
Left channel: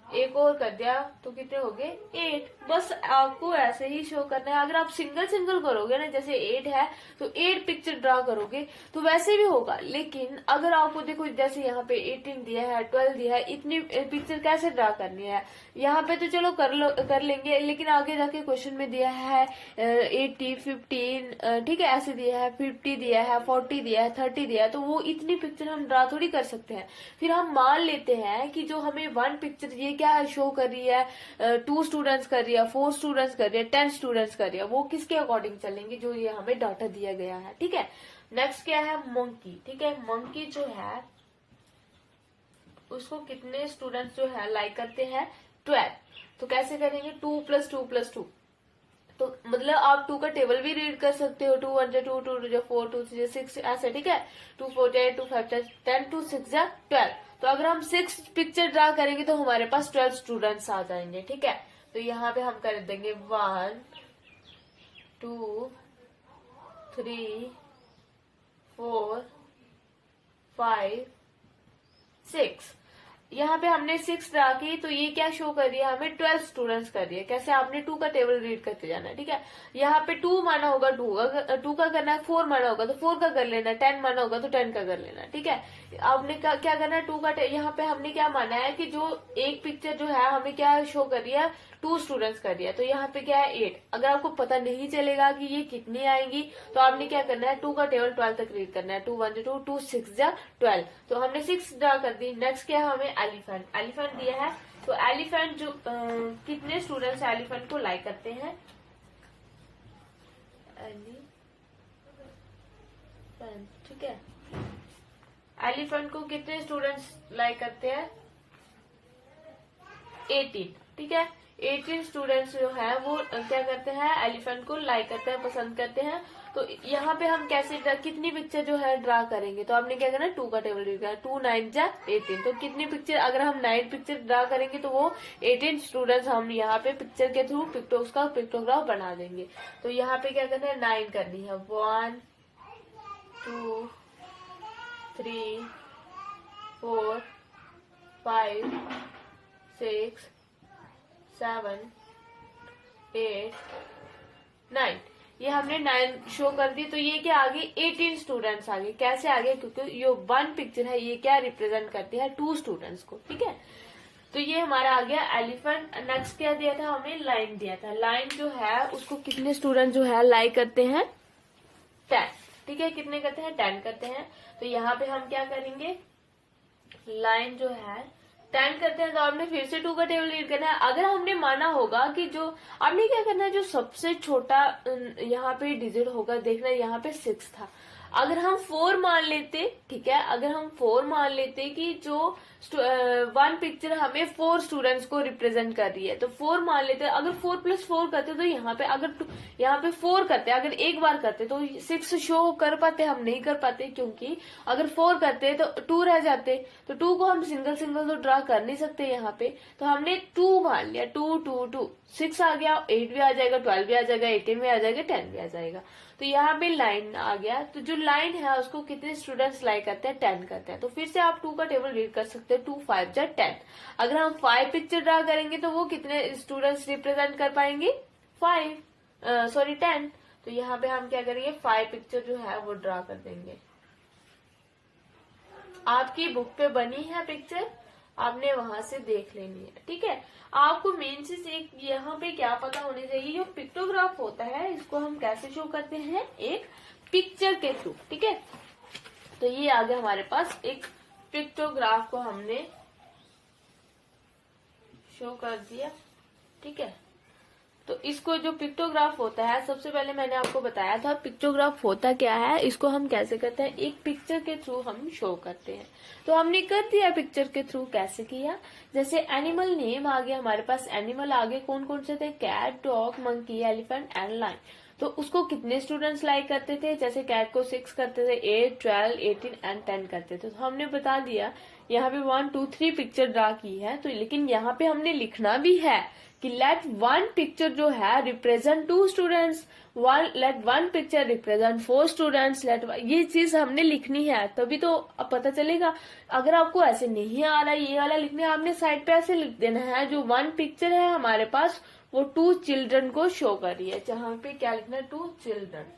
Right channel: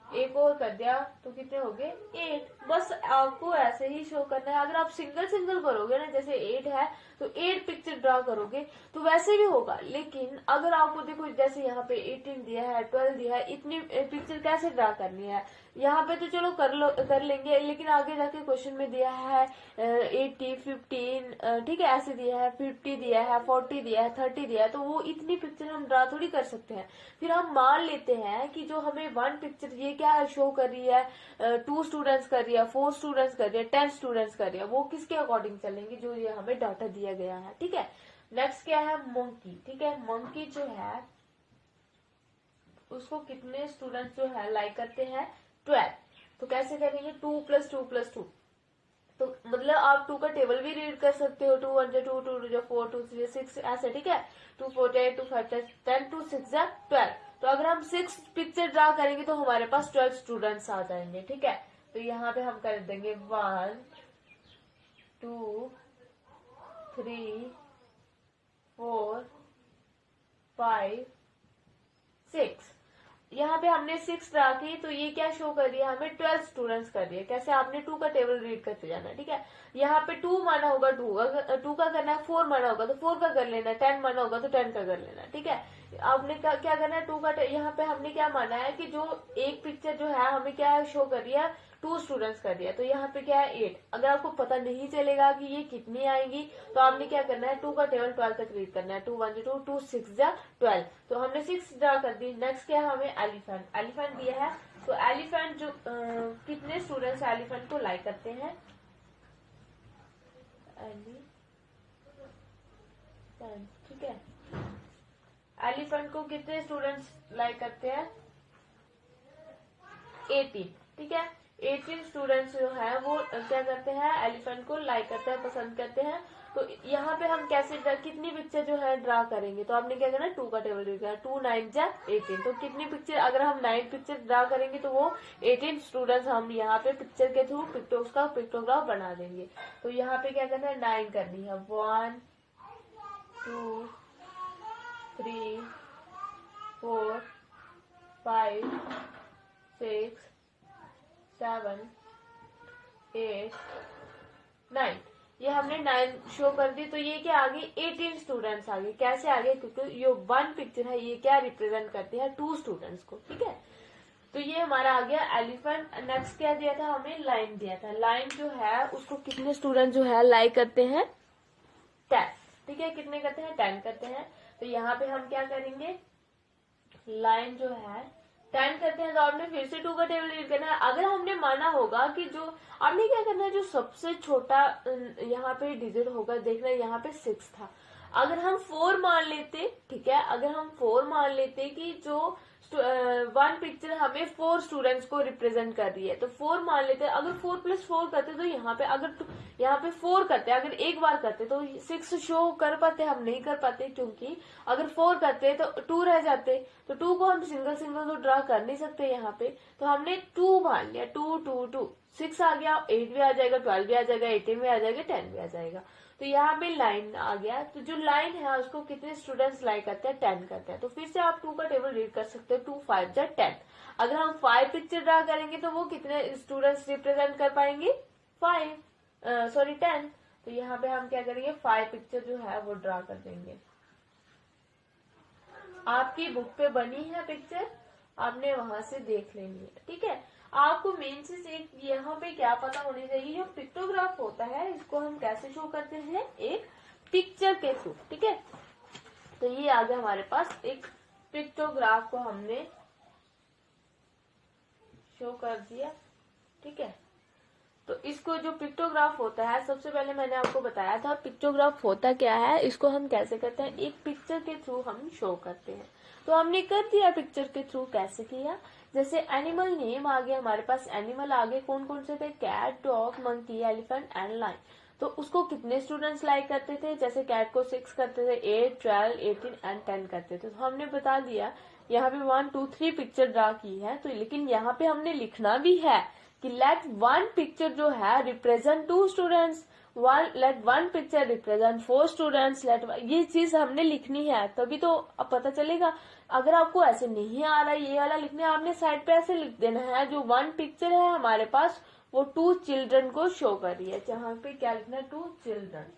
एक और कर दिया तो कितने हो गए, 8। बस आपको ऐसे ही शो करना है। अगर आप सिंगल सिंगल करोगे ना, जैसे 8 है तो 8 पिक्चर ड्रा करोगे तो वैसे भी होगा। लेकिन अगर आपको देखो, जैसे यहाँ पे 18 दिया है, 12 दिया है, इतनी पिक्चर कैसे ड्रा करनी है, यहाँ पे तो चलो कर लेंगे, लेकिन आगे जाके क्वेश्चन में दिया है 80 15, ठीक है, ऐसे दिया है, 50 दिया है, 40 दिया है, 30 दिया है, तो वो इतनी पिक्चर हम ड्रा थोड़ी कर सकते हैं। फिर हम मान लेते हैं कि जो हमें 1 पिक्चर ये क्या है, शो कर रही है, 2 स्टूडेंट्स कर रही है, 4 स्टूडेंट्स कर रही है, 10 स्टूडेंट्स कर रही है, वो किसके अकॉर्डिंग चलेंगे, जो ये हमें डाटा दिया गया है। ठीक है, नेक्स्ट क्या है, मंकी। ठीक है, मंकी जो है उसको कितने स्टूडेंट्स जो है लाइक करते हैं, 12। तो कैसे करेंगे, 2 + 2 + 2। तो मतलब आप 2 का टेबल भी रीड कर सकते हो, 2 1 2 2 2 4 2 3 6 ऐसे। ठीक है, 2 4 8 2 5 10 2 6 12। तो अगर हम 6 पिक्चर ड्रा करेंगे तो हमारे पास 12 स्टूडेंट्स आ जाएंगे। ठीक है, तो यहाँ पे हम कर देंगे 1 2 3 4 5 6। यहाँ पे हमने 6 ड्रा की, तो ये क्या शो कर रही है, हमें 12 स्टूडेंट्स कर रही है। कैसे, आपने 2 का टेबल रीड करते जाना है। ठीक है, यहाँ पे 2 माना होगा, 2 का करना है, 4 माना होगा तो 4 का कर लेना, 10 माना होगा तो 10 का कर लेना। ठीक है, आपने क्या करना है, 2 का यहाँ पे हमने क्या माना है कि जो एक पिक्चर जो है हमें क्या शो कर रही है, 2 स्टूडेंट्स कर रही है। तो यहाँ पे क्या है, 8। अगर आपको पता नहीं चलेगा कि ये कितनी आएगी, तो आपने क्या करना है, 2 का टेबल 12 तक रीड करना है, 2 1 2 2 6 12। तो हमने 6 ड्रा कर दी। नेक्स्ट क्या है, हमें एलिफेंट। एलिफेंट दिया है, तो एलिफेंट जो कितने स्टूडेंट्स एलिफेंट को लाइक करते हैं, ठीक है, एलिफेंट को कितने स्टूडेंट्स लाइक करते हैं, 18। ठीक है, 18 स्टूडेंट्स जो है वो क्या करते हैं, एलिफेंट को लाइक करते हैं, पसंद करते हैं। तो यहाँ पे हम कैसे कितनी पिक्चर जो है ड्रा करेंगे, तो आपने क्या करना है, 2 का टेबल रीड करना, 2 9 18। तो कितनी पिक्चर, अगर हम 9 पिक्चर ड्रा करेंगे तो वो 18 स्टूडेंट्स हम यहाँ पे पिक्चर के थ्रू उसका पिक्टोग्राफ बना देंगे। तो यहाँ पे क्या करना है, 9 करनी है, 1 2 3 4 5 6 7 8 9, ये हमने 9 शो कर दी। तो ये क्या आ गई, 18 स्टूडेंट्स आ गए। कैसे आ गए, क्योंकि ये 1 पिक्चर है, ये क्या रिप्रेजेंट करती है, 2 स्टूडेंट्स को। ठीक है, तो ये हमारा आ गया एलिफेंट। नेक्स्ट क्या दिया था हमें, लाइन दिया था। लाइन जो है उसको कितने स्टूडेंट जो है लाई करते हैं, 10। ठीक है, कितने करते हैं, 10 करते हैं। तो यहाँ पे हम क्या करेंगे, लाइन जो है 10 करते हैं, तो आपने फिर से 2 का टेबल रीड करना है। अगर हमने माना होगा कि जो आपने क्या करना है, जो सबसे छोटा यहाँ पे डिजिट होगा, देखना यहाँ पे 6 था, अगर हम 4 मान लेते, ठीक है, अगर हम 4 मान लेते कि जो 1 पिक्चर हमें 4 स्टूडेंट्स को रिप्रेजेंट कर रही है, तो 4 मान लेते, अगर 4+4 करते तो यहाँ पे अगर यहाँ पे 4 करते, अगर एक बार करते तो 6 शो कर पाते, हम नहीं कर पाते, क्योंकि अगर 4 करते तो 2 रह जाते, तो 2 को हम सिंगल सिंगल तो ड्रा कर नहीं सकते यहाँ पे। तो हमने 2 मान लिया, 2 2 2, 6 आ गया, 8 भी आ जाएगा, 12 भी आ जाएगा, 18 भी आ जाएगा, 10 भी आ जाएगा। तो यहाँ पे लाइन आ गया। तो जो लाइन है उसको कितने स्टूडेंट्स लाई करते हैं, 10 करते हैं। तो फिर से आप 2 का टेबल रीड कर सकते हैं, 2 5 जा 10। अगर हम 5 पिक्चर ड्रा करेंगे तो वो कितने स्टूडेंट्स रिप्रेजेंट कर पाएंगे, 10। तो यहाँ पे हम क्या करेंगे, 5 पिक्चर जो है वो ड्रा कर देंगे। आपकी बुक पे बनी है पिक्चर, आपने वहां से देख लेनी है। ठीक है, आपको मेन चीज एक यहाँ पे क्या पता होनी चाहिए, जो पिक्टोग्राफ होता है इसको हम कैसे शो करते हैं, एक पिक्चर के थ्रू। ठीक है, तो ये आ गया हमारे पास, एक पिक्टोग्राफ को हमने शो कर दिया। ठीक है, तो इसको जो पिक्टोग्राफ होता है, सबसे पहले मैंने आपको बताया था पिक्टोग्राफ होता क्या है, इसको हम कैसे करते हैं, एक पिक्चर के थ्रू हम शो करते हैं। तो हमने कर दिया पिक्चर के थ्रू, कैसे किया, जैसे एनिमल नेम आ गया हमारे पास, एनिमल आगे कौन कौन से थे, cat, dog, monkey, elephant and lion. तो उसको कितने स्टूडेंट्स लाइक करते थे, जैसे कैट को 6 करते थे, 8 12 18 एंड 10 करते थे। तो हमने बता दिया यहाँ पे 1 2 3 पिक्चर ड्रा की है। तो लेकिन यहाँ पे हमने लिखना भी है कि लेट 1 पिक्चर जो है represent 2 students, let 1 picture represent 4 students, ये चीज हमने लिखनी है, तभी तो अब पता चलेगा। अगर आपको ऐसे नहीं आ रहा है ये वाला लिखने, आपने साइड पे ऐसे लिख देना है, जो 1 पिक्चर है हमारे पास वो 2 चिल्ड्रन को शो कर रही है, जहां पे क्या लिखना है, 2 चिल्ड्रन।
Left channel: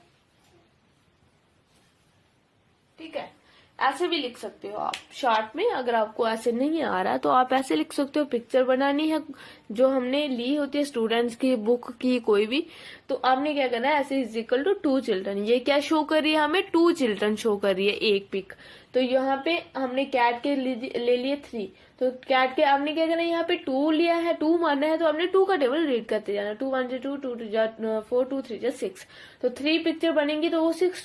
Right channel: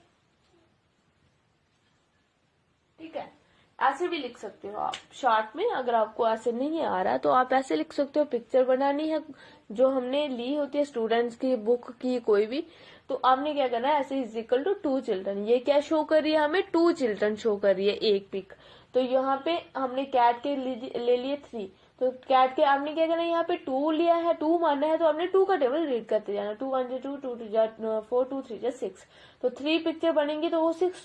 ठीक है, ऐसे भी लिख सकते हो आप शॉर्ट में। अगर आपको ऐसे नहीं आ रहा है तो आप ऐसे लिख सकते हो, पिक्चर बनानी है जो हमने ली होती है स्टूडेंट्स की बुक की कोई भी, तो आपने क्या करना है, ऐसे इज इक्वल टू 2 चिल्ड्रन। ये क्या शो कर रही है हमें, 2 चिल्ड्रन शो कर रही है एक पिक। तो यहाँ पे हमने कैट के ले लिए 3, तो कैट के आपने क्या करना है, यहाँ पे 2 लिया है, 2 मानना है, तो आपने 2 का टेबल रीड करते जाना, 2 1 2 2 2 4 2 3 6। तो 3 पिक्चर बनेंगी तो वो 6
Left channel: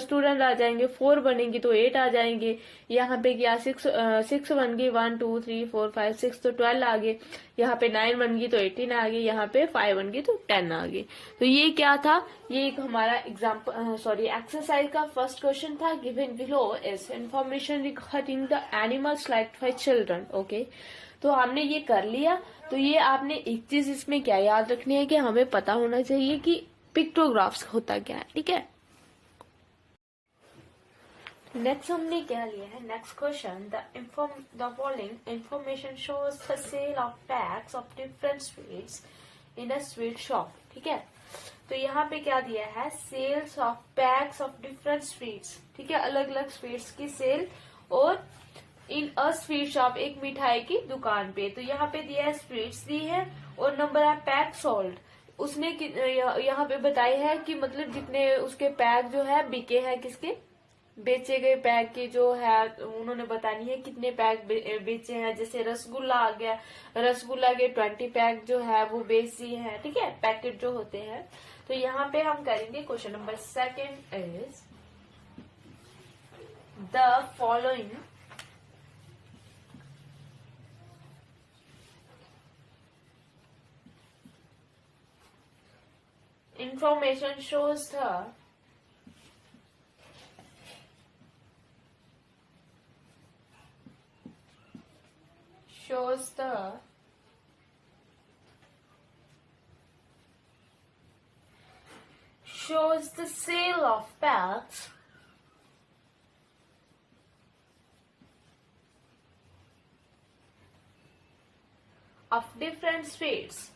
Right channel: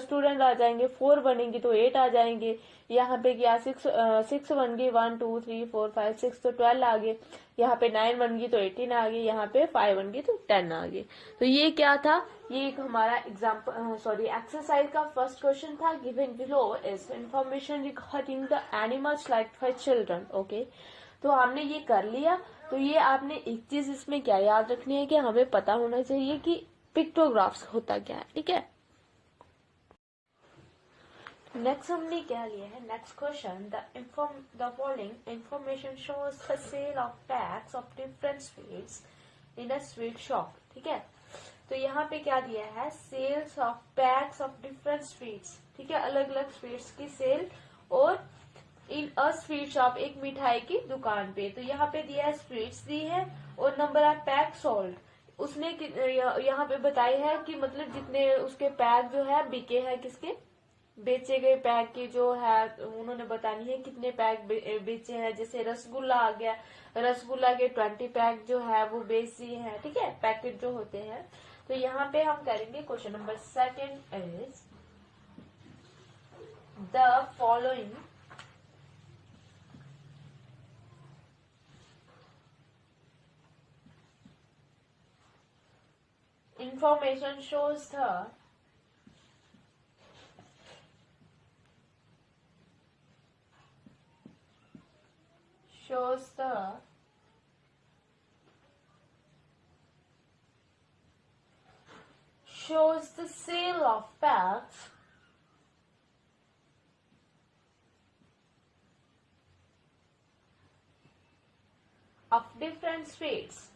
स्टूडेंट आ जाएंगे, 4 बनेंगी तो 8 आ जाएंगे। यहाँ पे क्या 6 बन गई, 1 2 3 4 5 6, तो 12 आ गए। यहाँ पे 9 बन गई तो 18 आ गई, यहाँ पे 5 बन गई तो 10 आ गई। तो ये क्या था, ये एक हमारा एक्सरसाइज का फर्स्ट क्वेश्चन था। Given below is information regarding the animals liked by children. Okay, तो हमने ये कर लिया। तो ये आपने एक चीज इसमें क्या याद रखनी है कि हमें पता होना चाहिए कि पिक्टोग्राफ्स होता क्या है। ठीक है, नेक्स्ट हमने क्या लिया है, next question, the following information shows the sale of packs of different sweets in a sweet shop. ठीक है, तो यहाँ पे क्या दिया है, sales of packs of different sweets. ठीक है, अलग अलग स्वीट्स की सेल और इन अ स्वीट शॉप, एक मिठाई की दुकान पे। तो यहाँ पे दिया है स्वीट्स दी है और नंबर ऑफ पैक सोल्ड, उसने यहाँ पे बताई है कि मतलब जितने उसके पैक जो है बिके हैं, किसके बेचे गए पैक की जो है उन्होंने बतानी है कितने पैक बेचे हैं। जैसे रसगुल्ला आ गया, रसगुल्ला के 20 पैक जो है वो बेच दिए हैं। ठीक है, पैकेट जो होते हैं। तो यहाँ पे हम करेंगे question number 2 is the following information shows the sale of packs of different speeds.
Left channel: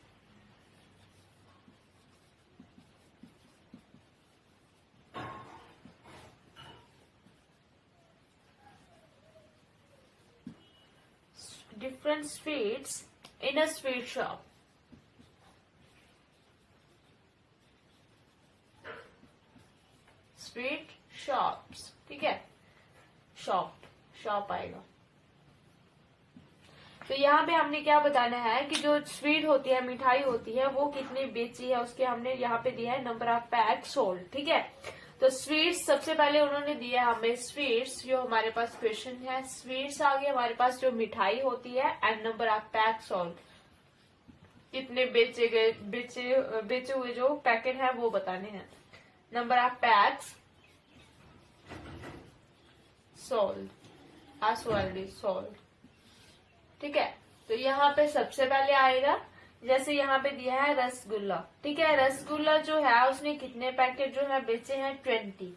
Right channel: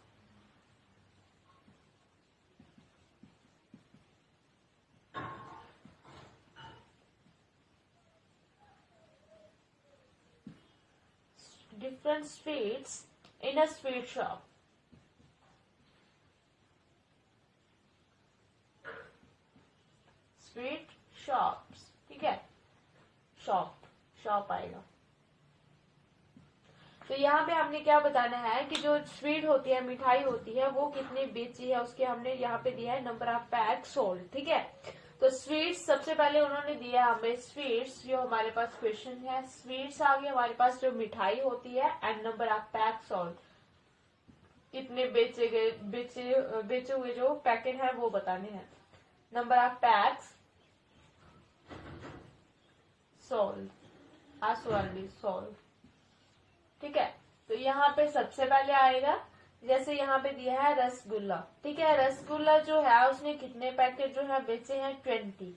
Different speeds in a sweet shop. Sweet shops, ठीक है, शॉप आएगा। तो यहाँ पे हमने क्या बताना है कि जो स्वीट होती है, मिठाई होती है, वो कितनी बेची है उसके हमने यहाँ पे दिया है नंबर ऑफ पैक सोल्ड, ठीक है। तो स्वीट्स सबसे पहले उन्होंने दिया हमें स्वीट्स, जो हमारे पास क्वेश्चन है, स्वीट्स आ गया हमारे पास जो मिठाई होती है, and number of pack sold, कितने बेचे हुए जो पैकेट है वो बताने हैं। Number of PACS sold, sold, ठीक है। तो यहाँ पे सबसे पहले आएगा, जैसे यहाँ पे दिया है रसगुल्ला, ठीक है। रसगुल्ला जो है उसने कितने पैकेट जो है बेचे हैं, 20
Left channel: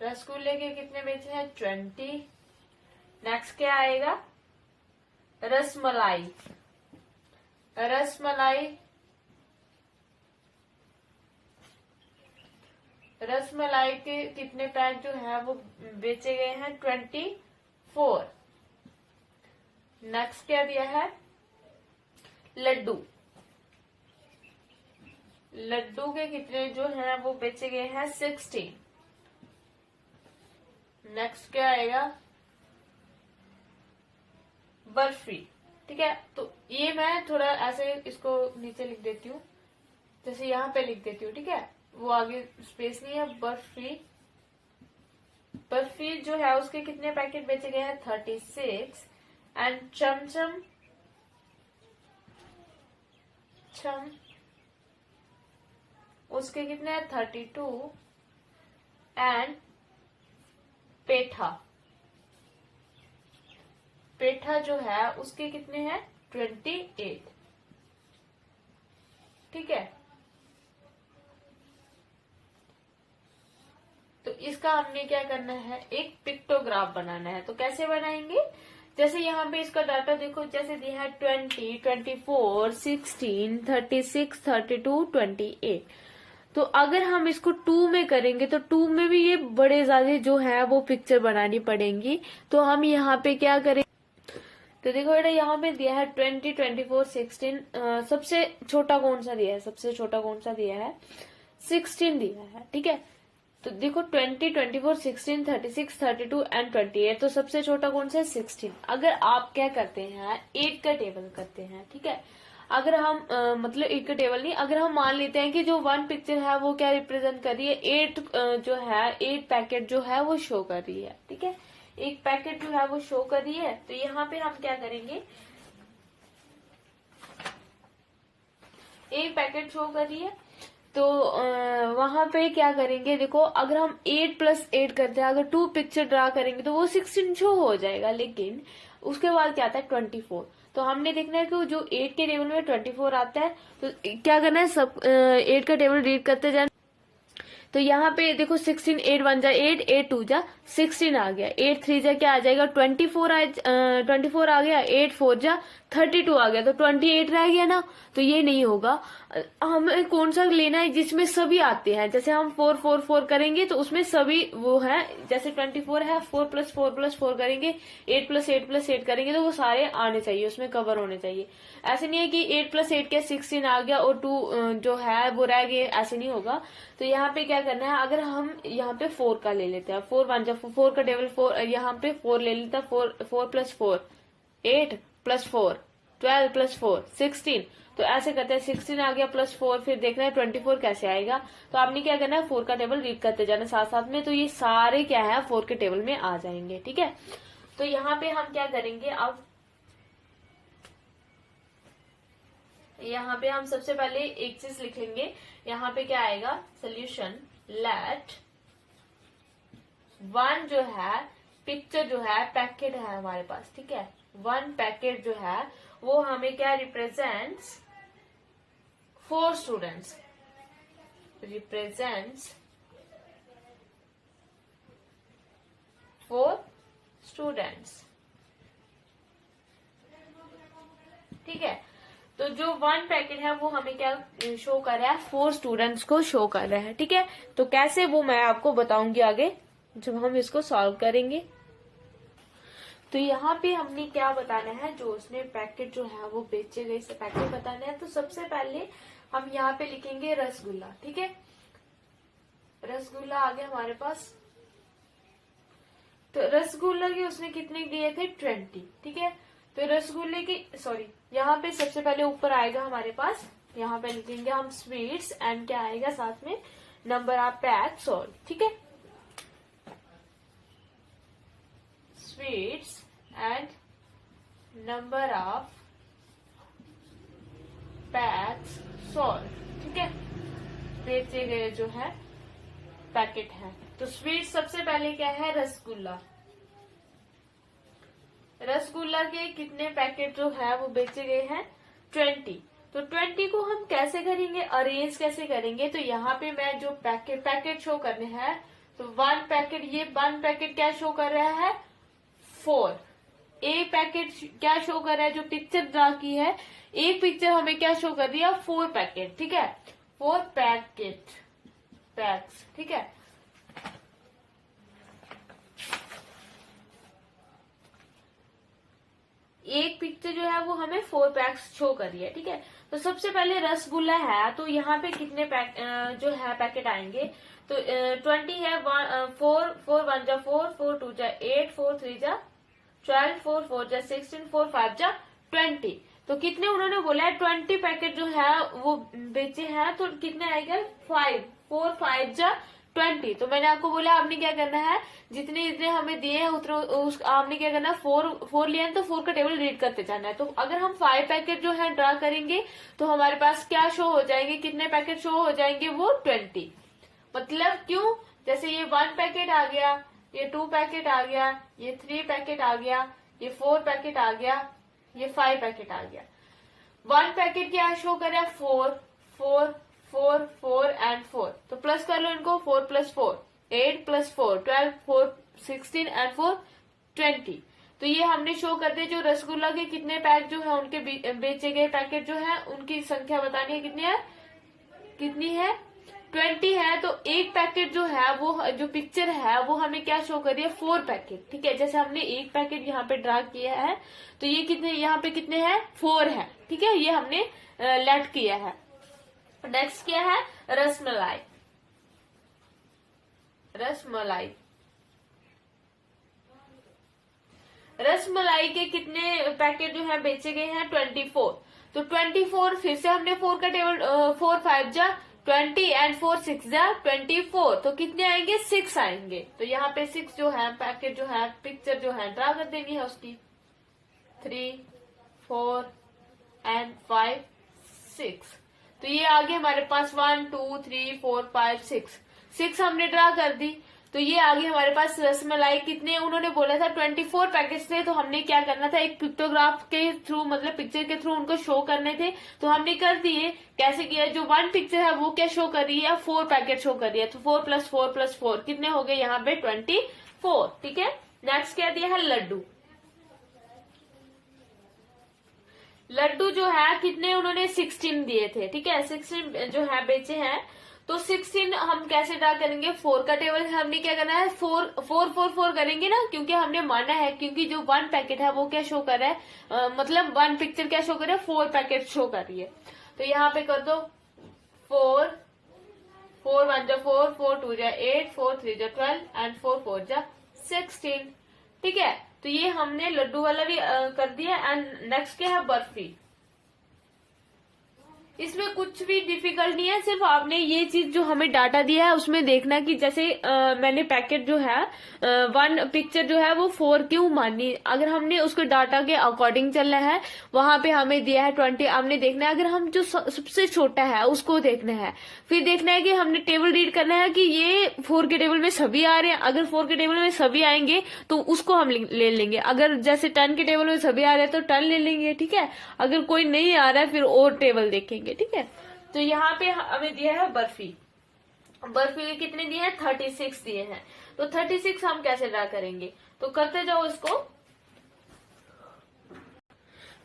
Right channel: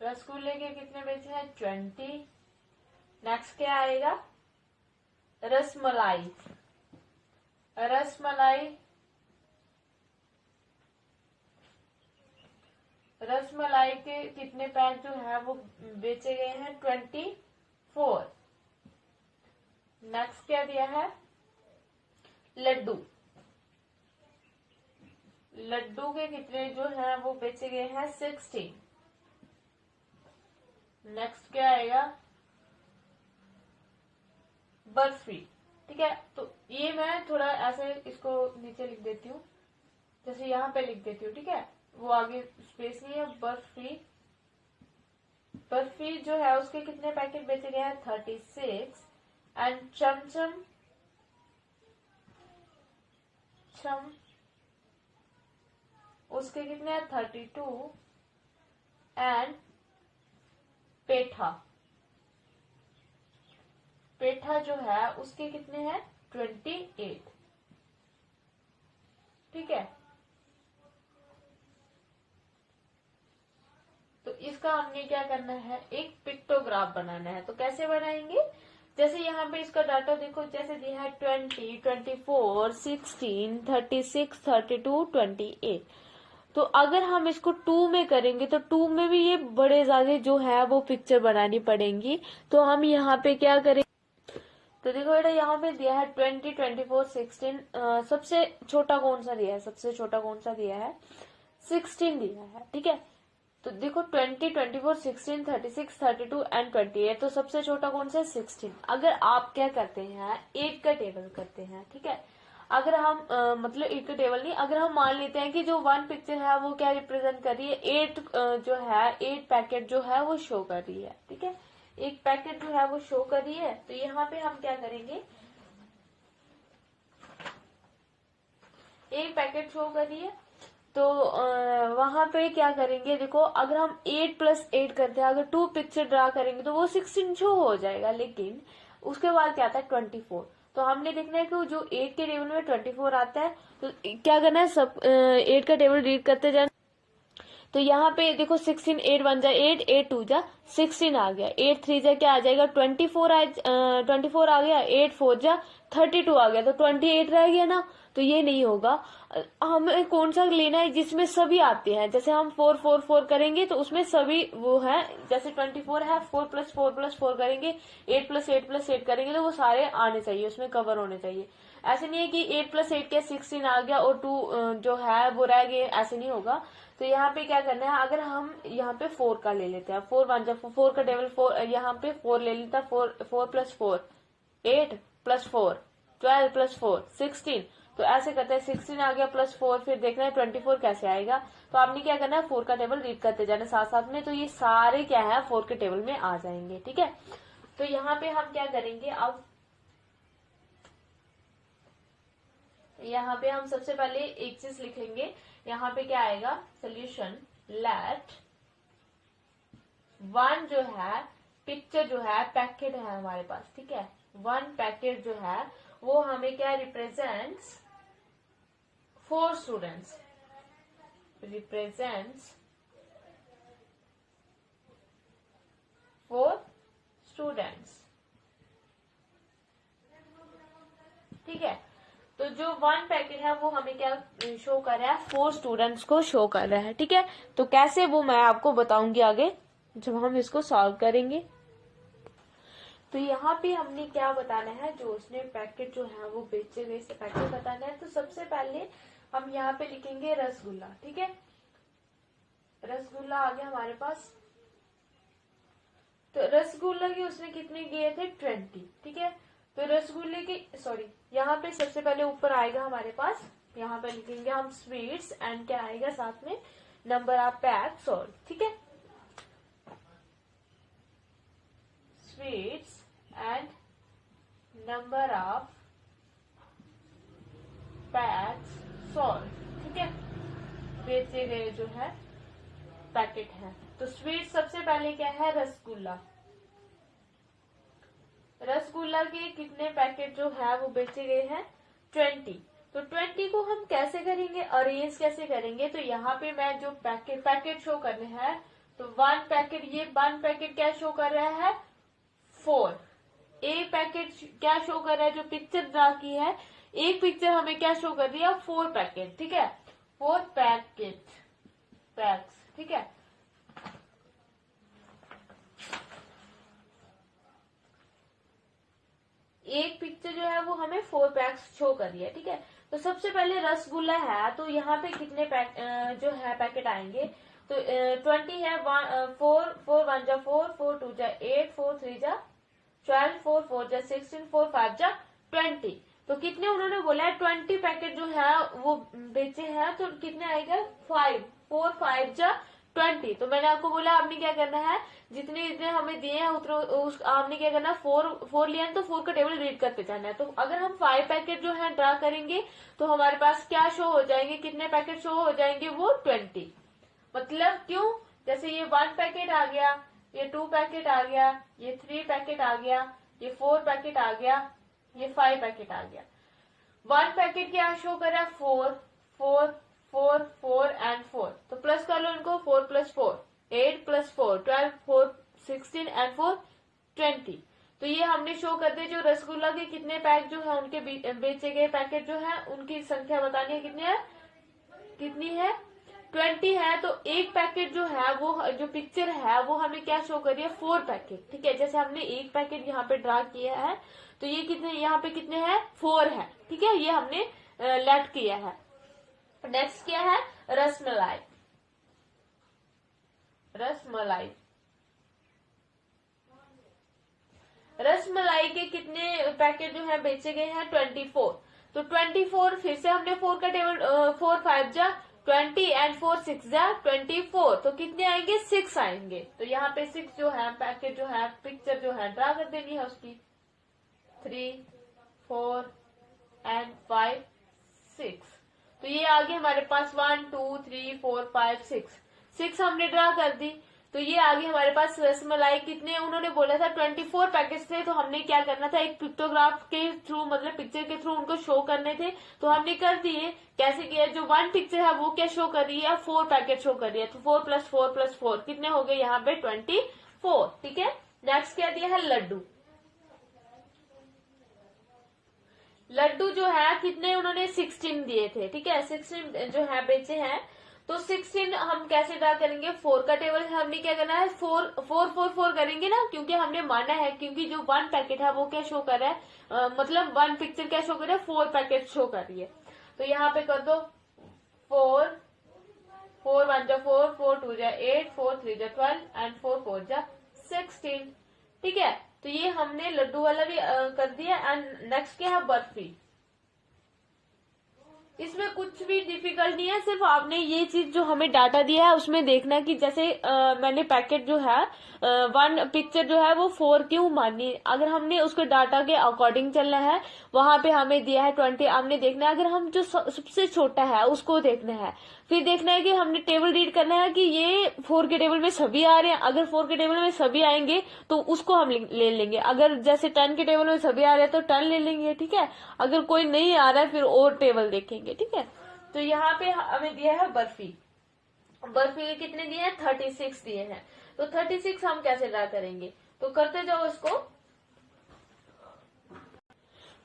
रसगुल्ले के कितने बेचे हैं, 20। नेक्स्ट क्या आएगा, रसमलाई के कितने पैक जो है वो बेचे गए हैं, 24। नेक्स्ट क्या दिया है, लड्डू के कितने जो है वो बेचे गए हैं, 16। नेक्स्ट क्या आएगा, बर्फी, ठीक है। तो ये मैं थोड़ा ऐसे इसको नीचे लिख देती हूँ, जैसे यहाँ पे लिख देती हूँ, ठीक है, वो आगे स्पेस नहीं है। बर्फी जो है उसके कितने पैकेट बेचे गए हैं, 36। एंड चमचम उसके कितने हैं, 32। एंड पेठा जो है उसके कितने हैं, 28, ठीक है। तो इसका हमने क्या करना है, एक पिक्टोग्राफ बनाना है। तो कैसे बनाएंगे, जैसे यहाँ पे इसका डाटा देखो, जैसे दिया है 20, 24, 16, 36, 32, 28। तो अगर हम इसको 2 में करेंगे तो 2 में भी ये बड़े ज्यादा जो है वो पिक्चर बनानी पड़ेंगी। तो हम यहाँ पे क्या करेंगे, तो देखो बेटा यहाँ पे दिया है 20, 24, 16। सबसे छोटा कौन सा दिया है, 16 दिया है, ठीक है। तो देखो 20, 24, 16, 36, 32 एंड 28। तो सबसे छोटा कौन सा है, 16। अगर आप क्या करते हैं, 8 का टेबल करते हैं, ठीक है। अगर हम मतलब 8 का टेबल नहीं, अगर हम मान लेते हैं कि जो 1 पिक्चर है वो क्या रिप्रेजेंट कर रही है, 8 जो है 8 पैकेट जो है वो शो कर रही है, ठीक है। एक पैकेट जो है वो शो कर रही है। तो यहाँ पे हम क्या करेंगे, एक पैकेट शो कर रही है, तो वहां पे क्या करेंगे, देखो अगर हम 8+8 करते हैं, अगर 2 पिक्चर ड्रा करेंगे तो वो 16 शो हो जाएगा। लेकिन उसके बाद क्या आता है, 24। तो हमने देखना है कि जो 8 के टेबल में 24 आता है, तो क्या करना है, सब 8 का टेबल रीड करते जाना। तो यहाँ पे देखो 16, 8 1 जा 8, 8 2 जा 16 आ गया, 8 3 जा क्या आ जाएगा, 24 आ गया, 8 4 जा 32 आ गया, तो 28 रह गया ना। तो ये नहीं होगा, हमें कौन सा लेना है जिसमें सभी आते हैं। जैसे हम 4 4 4 करेंगे तो उसमें सभी वो है, जैसे 24 है, 4 + 4 + 4 करेंगे, 8 + 8 + 8 करेंगे, तो वो सारे आने चाहिए, उसमें कवर होने चाहिए। ऐसे नहीं है कि 8 + 8 के 16 आ गया और 2 जो है वो रह गए, ऐसे नहीं होगा। तो यहाँ पे क्या करना है, अगर हम यहाँ पे 4 का ले लेते हैं, 4 1 जा 4 का टेबल 4, यहाँ पे 4 ले लेता है, 4 + 4 8 + 4 12 + 4 16। तो ऐसे करते हैं, 16 आ गया +4, फिर देखना है 24 कैसे आएगा। तो आपने क्या करना है, 4 का टेबल रीड करते जाना साथ साथ में, तो ये सारे क्या है 4 के टेबल में आ जाएंगे, ठीक है। तो यहाँ पे हम क्या करेंगे, अब यहाँ पे हम सबसे पहले एक चीज लिख लेंगे। यहाँ पे क्या आएगा, सोल्यूशन लेट 1 जो है पिक्चर जो है पैकेट है हमारे पास, ठीक है। 1 पैकेट जो है वो हमें क्या रिप्रेजेंट्स 4 स्टूडेंट्स, रिप्रेजेंट्स 4 स्टूडेंट्स, ठीक है। तो जो 1 पैकेट है वो हमें क्या शो कर रहा है, 4 स्टूडेंट्स को शो कर रहा है। ठीक है, तो कैसे वो मैं आपको बताऊंगी आगे जब हम इसको सॉल्व करेंगे। तो यहाँ पे हमने क्या बताना है, जो उसने पैकेट जो है वो बेचे गए से पैकेट बताना है। तो सबसे पहले हम यहाँ पे लिखेंगे रसगुल्ला। ठीक है, रसगुल्ला आ गया हमारे पास। तो रसगुल्ला के उसने कितने दिए थे, 20। ठीक है, तो रसगुल्ले की यहाँ पे सबसे पहले ऊपर आएगा हमारे पास, यहाँ पे लिखेंगे हम स्वीट्स एंड क्या आएगा साथ में, नंबर ऑफ पैक सोल्ड। ठीक है, sweets and number of PACS sold. ठीक है, बेचे गए जो है पैकेट है। तो स्वीट सबसे पहले क्या है, रसगुल्ला। रसगुल्ला के कितने पैकेट जो है वो बेचे गए हैं, 20। तो 20 को हम कैसे करेंगे, अरेंज कैसे करेंगे। तो यहाँ पे मैं जो पैकेट शो करने हैं, तो 1 पैकेट, ये 1 पैकेट क्या शो कर रहा है, 4। एक पैकेट क्या शो कर रहा है, जो पिक्चर ड्रा की है, एक पिक्चर हमें क्या शो कर दिया, 4 पैकेट। ठीक है, 4 पैक्स। ठीक है, एक पिक्चर जो है वो हमें 4 पैक्स शो कर रही है। ठीक है, तो सबसे पहले रसगुल्ला है, तो यहाँ पे कितने जो है पैकेट आएंगे, तो 20 है, 4 1 जा 4, 4 2 जा 8, 4 3 जा 12, 4 4 जा 16, 4 5 जा 20। तो कितने उन्होंने बोला है, 20 पैकेट जो है वो बेचे हैं, तो कितने आएगा, 5, 4 5 जा 20। तो मैंने आपको बोला आपने क्या करना है, जितने जितने हमें दिए हैं उतने आपने क्या करना है, 4 लिया है तो 4 का टेबल रीड करते जाना है। तो अगर हम 5 पैकेट जो है ड्रा करेंगे तो हमारे पास क्या शो हो जाएंगे, कितने पैकेट शो हो जाएंगे, वो 20। मतलब क्यों, जैसे ये 1 पैकेट आ गया, ये 2 पैकेट आ गया, ये 3 पैकेट आ गया, ये 4 पैकेट आ गया, ये 5 पैकेट आ गया। 1 पैकेट क्या शो कर रहा है, 4 4 4 4 एंड 4। तो प्लस कर लो इनको, 4 + 4 8 + 4 12, 4 16 एंड 4 20। तो ये हमने शो कर दिया। जो रसगुल्ला के कितने पैक जो है उनके बेचे गए पैकेट जो है उनकी संख्या बतानी है, कितनी है 20 है। तो एक पैकेट जो है वो जो पिक्चर है वो हमें क्या शो कर रही है, 4 पैकेट। ठीक है, जैसे हमने एक पैकेट यहाँ पे ड्रा किया है, तो ये कितने, यहाँ पे कितने हैं, 4 है। ठीक है, ये हमने लेट किया है। नेक्स्ट क्या है, रसमलाई। रसमलाई के कितने पैकेट जो है बेचे गए हैं, 24। तो 24 फिर से हमने 4 का टेबल, 4 5 जा 20 एंड 4 6 जा 24। तो कितने आएंगे, 6 आएंगे। तो यहाँ पे 6 जो है पैकेट जो है पिक्चर जो है ड्रा कर देनी है उसकी, 3 4 एंड 5 6। तो ये आगे हमारे पास 1 2 3 4 5 6 हमने ड्रा कर दी। तो ये आगे हमारे पास रसमलाई कितने, उन्होंने बोला था 24 पैकेट्स थे। तो हमने क्या करना था, एक पिक्टोग्राफ के थ्रू, मतलब पिक्चर के थ्रू उनको शो करने थे। तो हमने कर दिए। कैसे किया, जो 1 पिक्चर है वो क्या शो कर रही है, 4 पैकेट शो कर रही है। तो 4 + 4 + 4 कितने हो गए यहाँ पे, 24। ठीक है, नेक्स्ट क्या दिया है, लड्डू जो है कितने उन्होंने 16 दिए थे। ठीक है, 16 जो है बेचे हैं। तो 16 हम कैसे ड्रा करेंगे, 4 का टेबल हमने क्या करना है, 4 4 4 4 करेंगे ना, क्योंकि हमने माना है, क्योंकि जो 1 पैकेट है वो क्या शो कर रहा है, मतलब 1 पिक्चर क्या शो कर रहा है, 4 पैकेट शो कर रही है। तो यहाँ पे कर दो 4 4 1 जा 4, 4 2 जा 8, 4 3 जा 12 एंड 4 4 जा 16। ठीक है, तो ये हमने लड्डू वाला भी कर दिया। एंड नेक्स्ट क्या है, बर्फी। इसमें कुछ भी डिफिकल्ट नहीं है, सिर्फ आपने ये चीज जो हमें डाटा दिया है उसमें देखना कि जैसे मैंने पैकेट जो है 1 पिक्चर जो है वो 4 क्यों मानी। अगर हमने उसके डाटा के अकॉर्डिंग चलना है, वहां पे हमें दिया है 20, हमने देखना है। अगर हम जो सबसे छोटा है उसको देखना है, फिर देखना है कि हमने टेबल रीड करना है कि ये 4 के टेबल में सभी आ रहे हैं। अगर 4 के टेबल में सभी आएंगे तो उसको हम ले लेंगे। अगर जैसे 10 के टेबल में सभी आ रहे हैं तो 10 ले लेंगे। ठीक है, अगर कोई नहीं आ रहा है फिर और टेबल देखेंगे। ठीक है, तो यहाँ पे हमें दिया है बर्फी के कितने दिए हैं, 36 दिए हैं। तो 36 हम कैसे ड्रा करेंगे, तो करते जाओ इसको।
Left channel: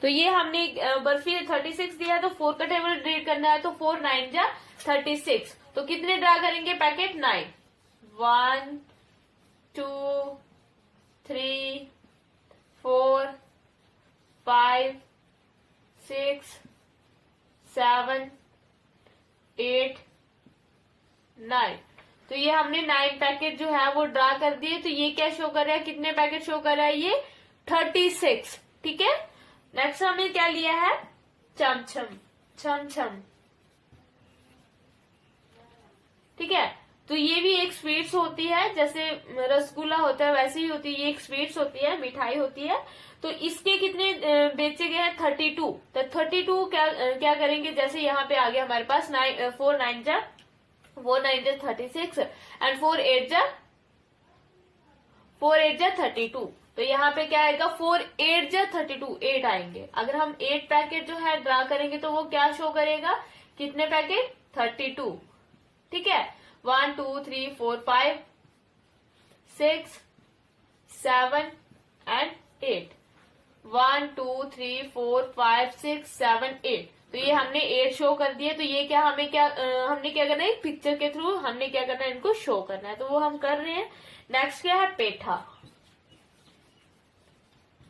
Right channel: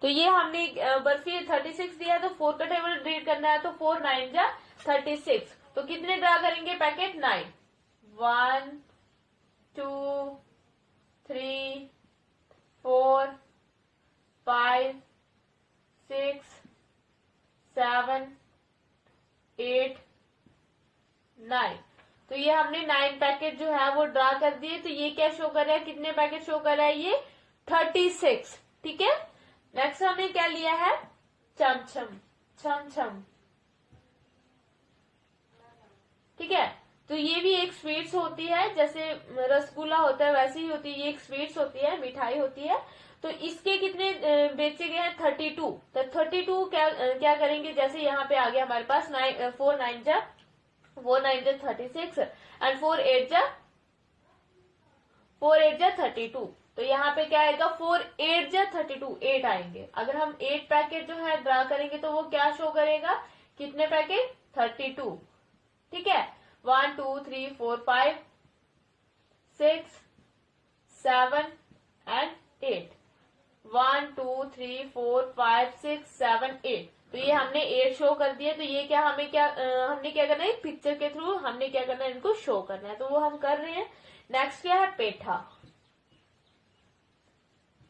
तो ये हमने बर्फी 36 दिया है, तो 4 का टेबल रीड करना है, तो 4 9 जा 36। तो कितने ड्रा करेंगे पैकेट? 9। 1 2 3 4 5 6 7 8 9। तो ये हमने 9 पैकेट जो है वो ड्रा कर दिए। तो ये क्या शो कर रहा है, कितने पैकेट शो कर रहा है? ये 36। ठीक है। नेक्स्ट हमने क्या लिया है? चमचम, छम। ठीक है। तो ये भी एक स्वीट्स होती है, जैसे रसगुल्ला होता है वैसे ही होती है, ये एक स्वीट्स होती है, मिठाई होती है। तो इसके कितने बेचे गए हैं? 32। तो 32 क्या करेंगे, जैसे यहाँ पे आ गया हमारे पास 4 9 जा 36 एंड 4 8 जा 32। तो यहाँ पे क्या आएगा? 4 8 जा 32, 8 आएंगे। अगर हम 8 पैकेट जो है ड्रा करेंगे तो वो क्या शो करेगा? कितने पैकेट? 32। ठीक है। 1 2 3 4 5 6 7 एंड 8। 1 2 3 4 5 6 7 8। तो ये हमने 8 शो कर दिए। तो ये क्या हमने क्या करना है? पिक्चर के थ्रू हमने क्या करना है? इनको शो करना है। तो वो हम कर रहे हैं। नेक्स्ट क्या है? पेठा।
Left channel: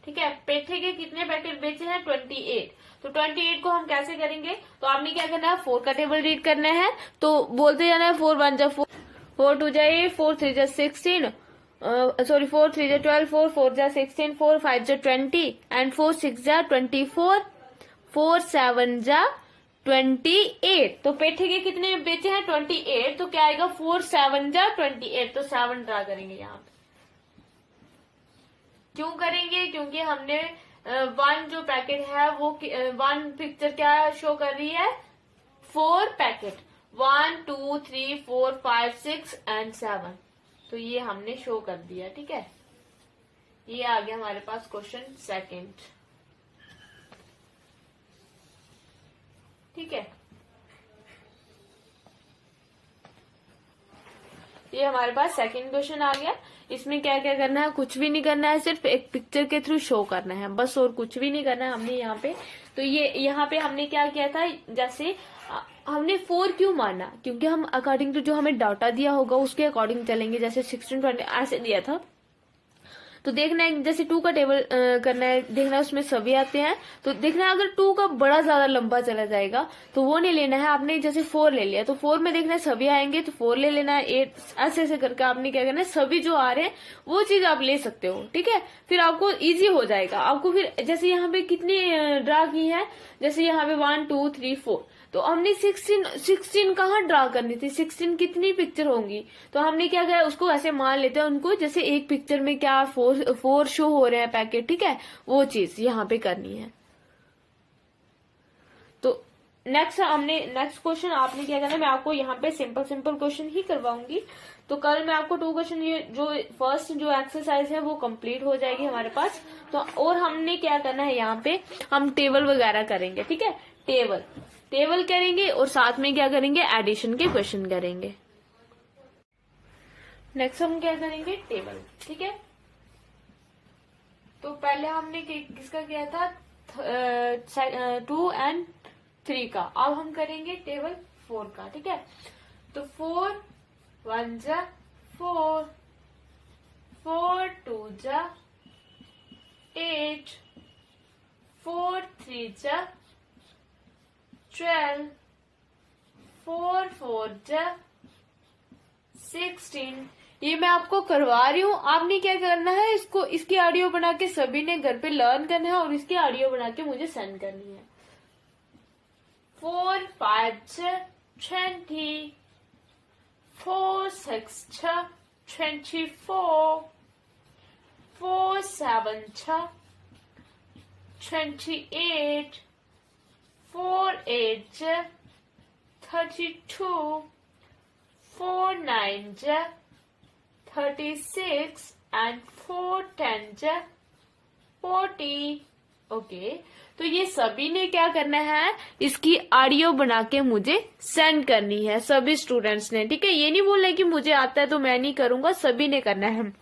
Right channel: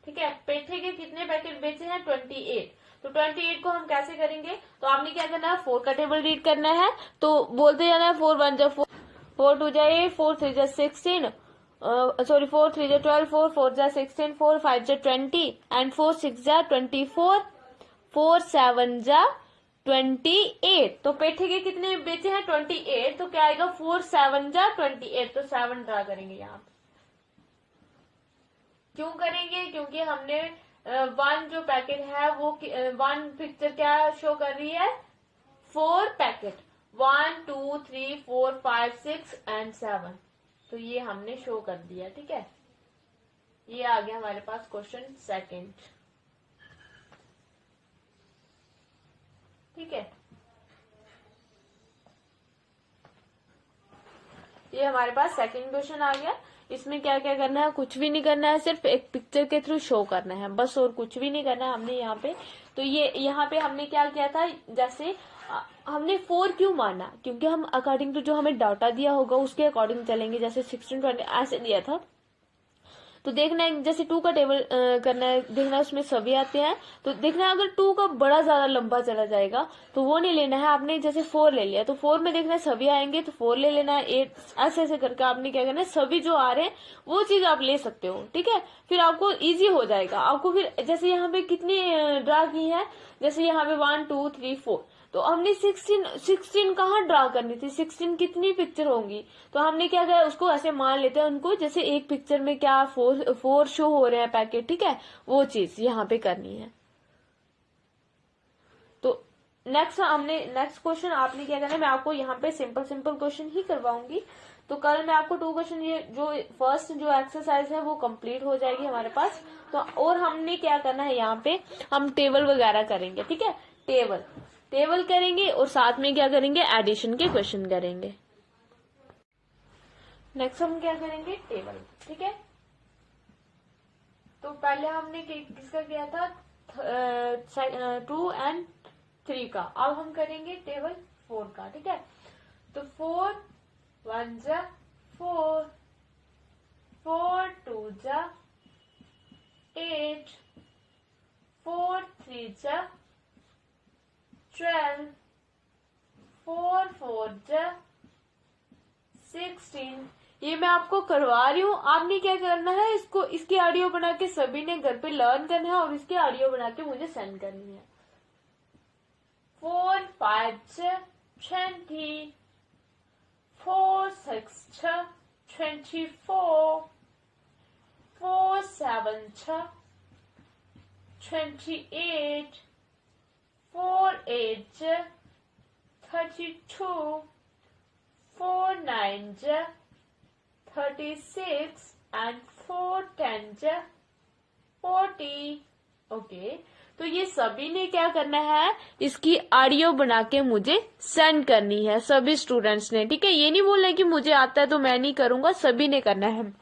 ठीक है। पेठे के कितने पैकेट बेचे हैं? 28। तो 28 को हम कैसे करेंगे? तो आपने क्या करना है? 4 का टेबल रीड करना है। तो बोलते जाना है 4 1 जा 4, 4 2 जा 8, 4 3 जा 16, 4 3 जा 12, 4 4 जा 16, 4 5 जा 20 एंड 4 6 जा 24, 4 7 जा 28। तो पेठे के कितने बेचे हैं? 28। तो क्या आएगा? 4 7 जा 28। तो 7 ड्रा करेंगे यहाँ पे। क्यों करेंगे? क्योंकि हमने 1 जो पैकेट है वो 1 पिक्चर क्या शो कर रही है? 4 पैकेट, 1 2 3 4 5 6 एंड 7। तो ये हमने शो कर दिया। ठीक है। ये आ गया हमारे पास क्वेश्चन सेकंड। ठीक है। ये हमारे पास सेकंड क्वेश्चन आ गया। इसमें क्या क्या करना है? कुछ भी नहीं करना है, सिर्फ एक पिक्चर के थ्रू शो करना है बस, और कुछ भी नहीं करना है हमने यहाँ पे। तो ये यहाँ पे हमने क्या किया था, जैसे हमने 4 क्यों माना? क्योंकि हम अकॉर्डिंग टू जो हमें डाटा दिया होगा उसके अकॉर्डिंग चलेंगे। जैसे 16 20 ऐसे दिया था, तो देखना है जैसे 2 का टेबल करना है, देखना है उसमें सभी आते हैं। तो देखना है अगर 2 का बड़ा ज्यादा लंबा चला जाएगा तो वो नहीं लेना है आपने। जैसे 4 ले लिया तो 4 में देखना है सभी आएंगे, तो 4 ले लेना है। 8 ऐसे ऐसे करके आपने क्या करना है? सभी जो आ रहे हैं वो चीज आप ले सकते हो। ठीक है। फिर आपको इजी हो जाएगा। आपको फिर जैसे यहाँ पे कितनी ड्रा की है, जैसे यहाँ पे 1 2 3 4, तो हमने 16 कहाँ ड्रा करनी थी? 16 कितनी पिक्चर होंगी? तो हमने क्या किया? उसको ऐसे मान लेते हैं उनको, जैसे एक पिक्चर में क्या 4 शो हो रहे हैं पैकेट। ठीक है। वो चीज यहाँ पे करनी है। तो नेक्स्ट क्वेश्चन आपने क्या करना है? मैं आपको यहाँ पे सिंपल क्वेश्चन ही करवाऊंगी। तो कल मैं आपको 2 क्वेश्चन, ये जो फर्स्ट जो एक्सरसाइज है वो कंप्लीट हो जाएगी हमारे पास। तो और हमने क्या करना है? यहाँ पे हम टेबल वगैरह करेंगे। ठीक है। टेबल करेंगे और साथ में क्या करेंगे? एडिशन के क्वेश्चन करेंगे। नेक्स्ट हम क्या करेंगे? टेबल। ठीक है। तो पहले हमने किसका किया था? 2 एंड 3 का। अब हम करेंगे टेबल 4 का। ठीक है। तो 4 1 जा 4, 4 2 जा 8, 4 3 जा 12, 4 4 जा 16। ये मैं आपको करवा रही हूँ। आपने क्या करना है? इसकी ऑडियो बना के सभी ने घर पे लर्न करना है और इसकी ऑडियो बना के मुझे सेंड करनी है। 4 5 जा 20, 4 6 जा 24, 4 7 जा 28, 4 8 जा 32, 4 9 जा 36 and 4 10 जा 40। ओके। तो ये सभी ने क्या करना है? इसकी ऑडियो बना के मुझे सेंड करनी है, सभी स्टूडेंट्स ने। ठीक है। ये नहीं बोलना कि मुझे आता है तो मैं नहीं करूंगा, सभी ने करना है।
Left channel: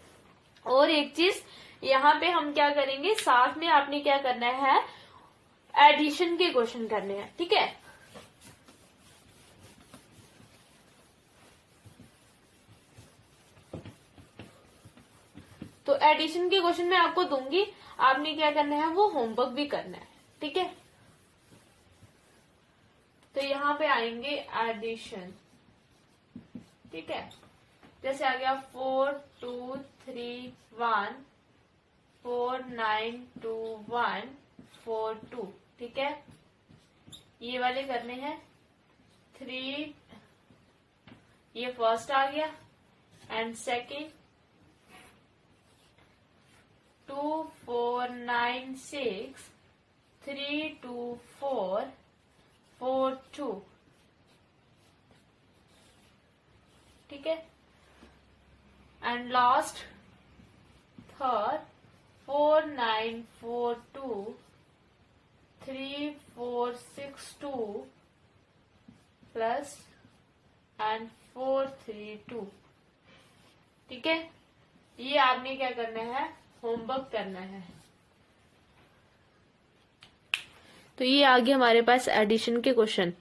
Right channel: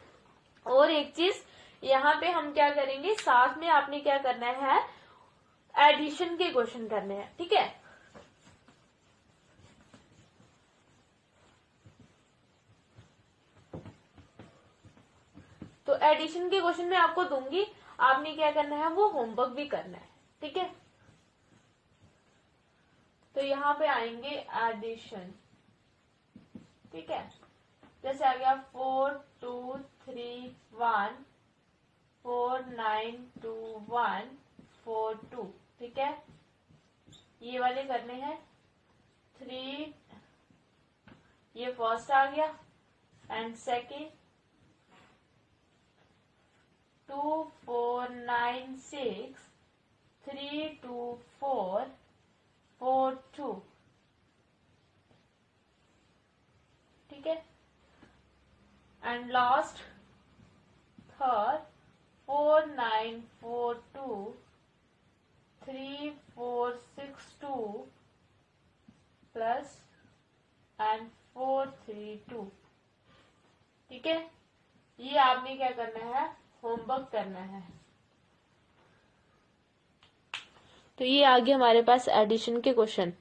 और एक चीज यहाँ पे हम क्या करेंगे? साथ में आपने क्या करना है? एडिशन के क्वेश्चन करने हैं, ठीक है। तो एडिशन के क्वेश्चन मैं आपको दूंगी, आपने क्या करना है, वो होमवर्क भी करना है, ठीक है। तो यहाँ पे आएंगे एडिशन, ठीक है। जैसे आ गया 4 2 3 1 4 9 2 1 4 2, ठीक है। ये वाले करने हैं 3, ये फर्स्ट आ गया, एंड सेकेंड 2 4 9 6 3 2 4 4 2, ठीक है। And last third 4 9 4 2 3 4 6 2 plus and 4 3 2, ठीक है। ये आपने क्या करना है, होमवर्क करना है। तो ये आ गया हमारे पास एडिशन के क्वेश्चन।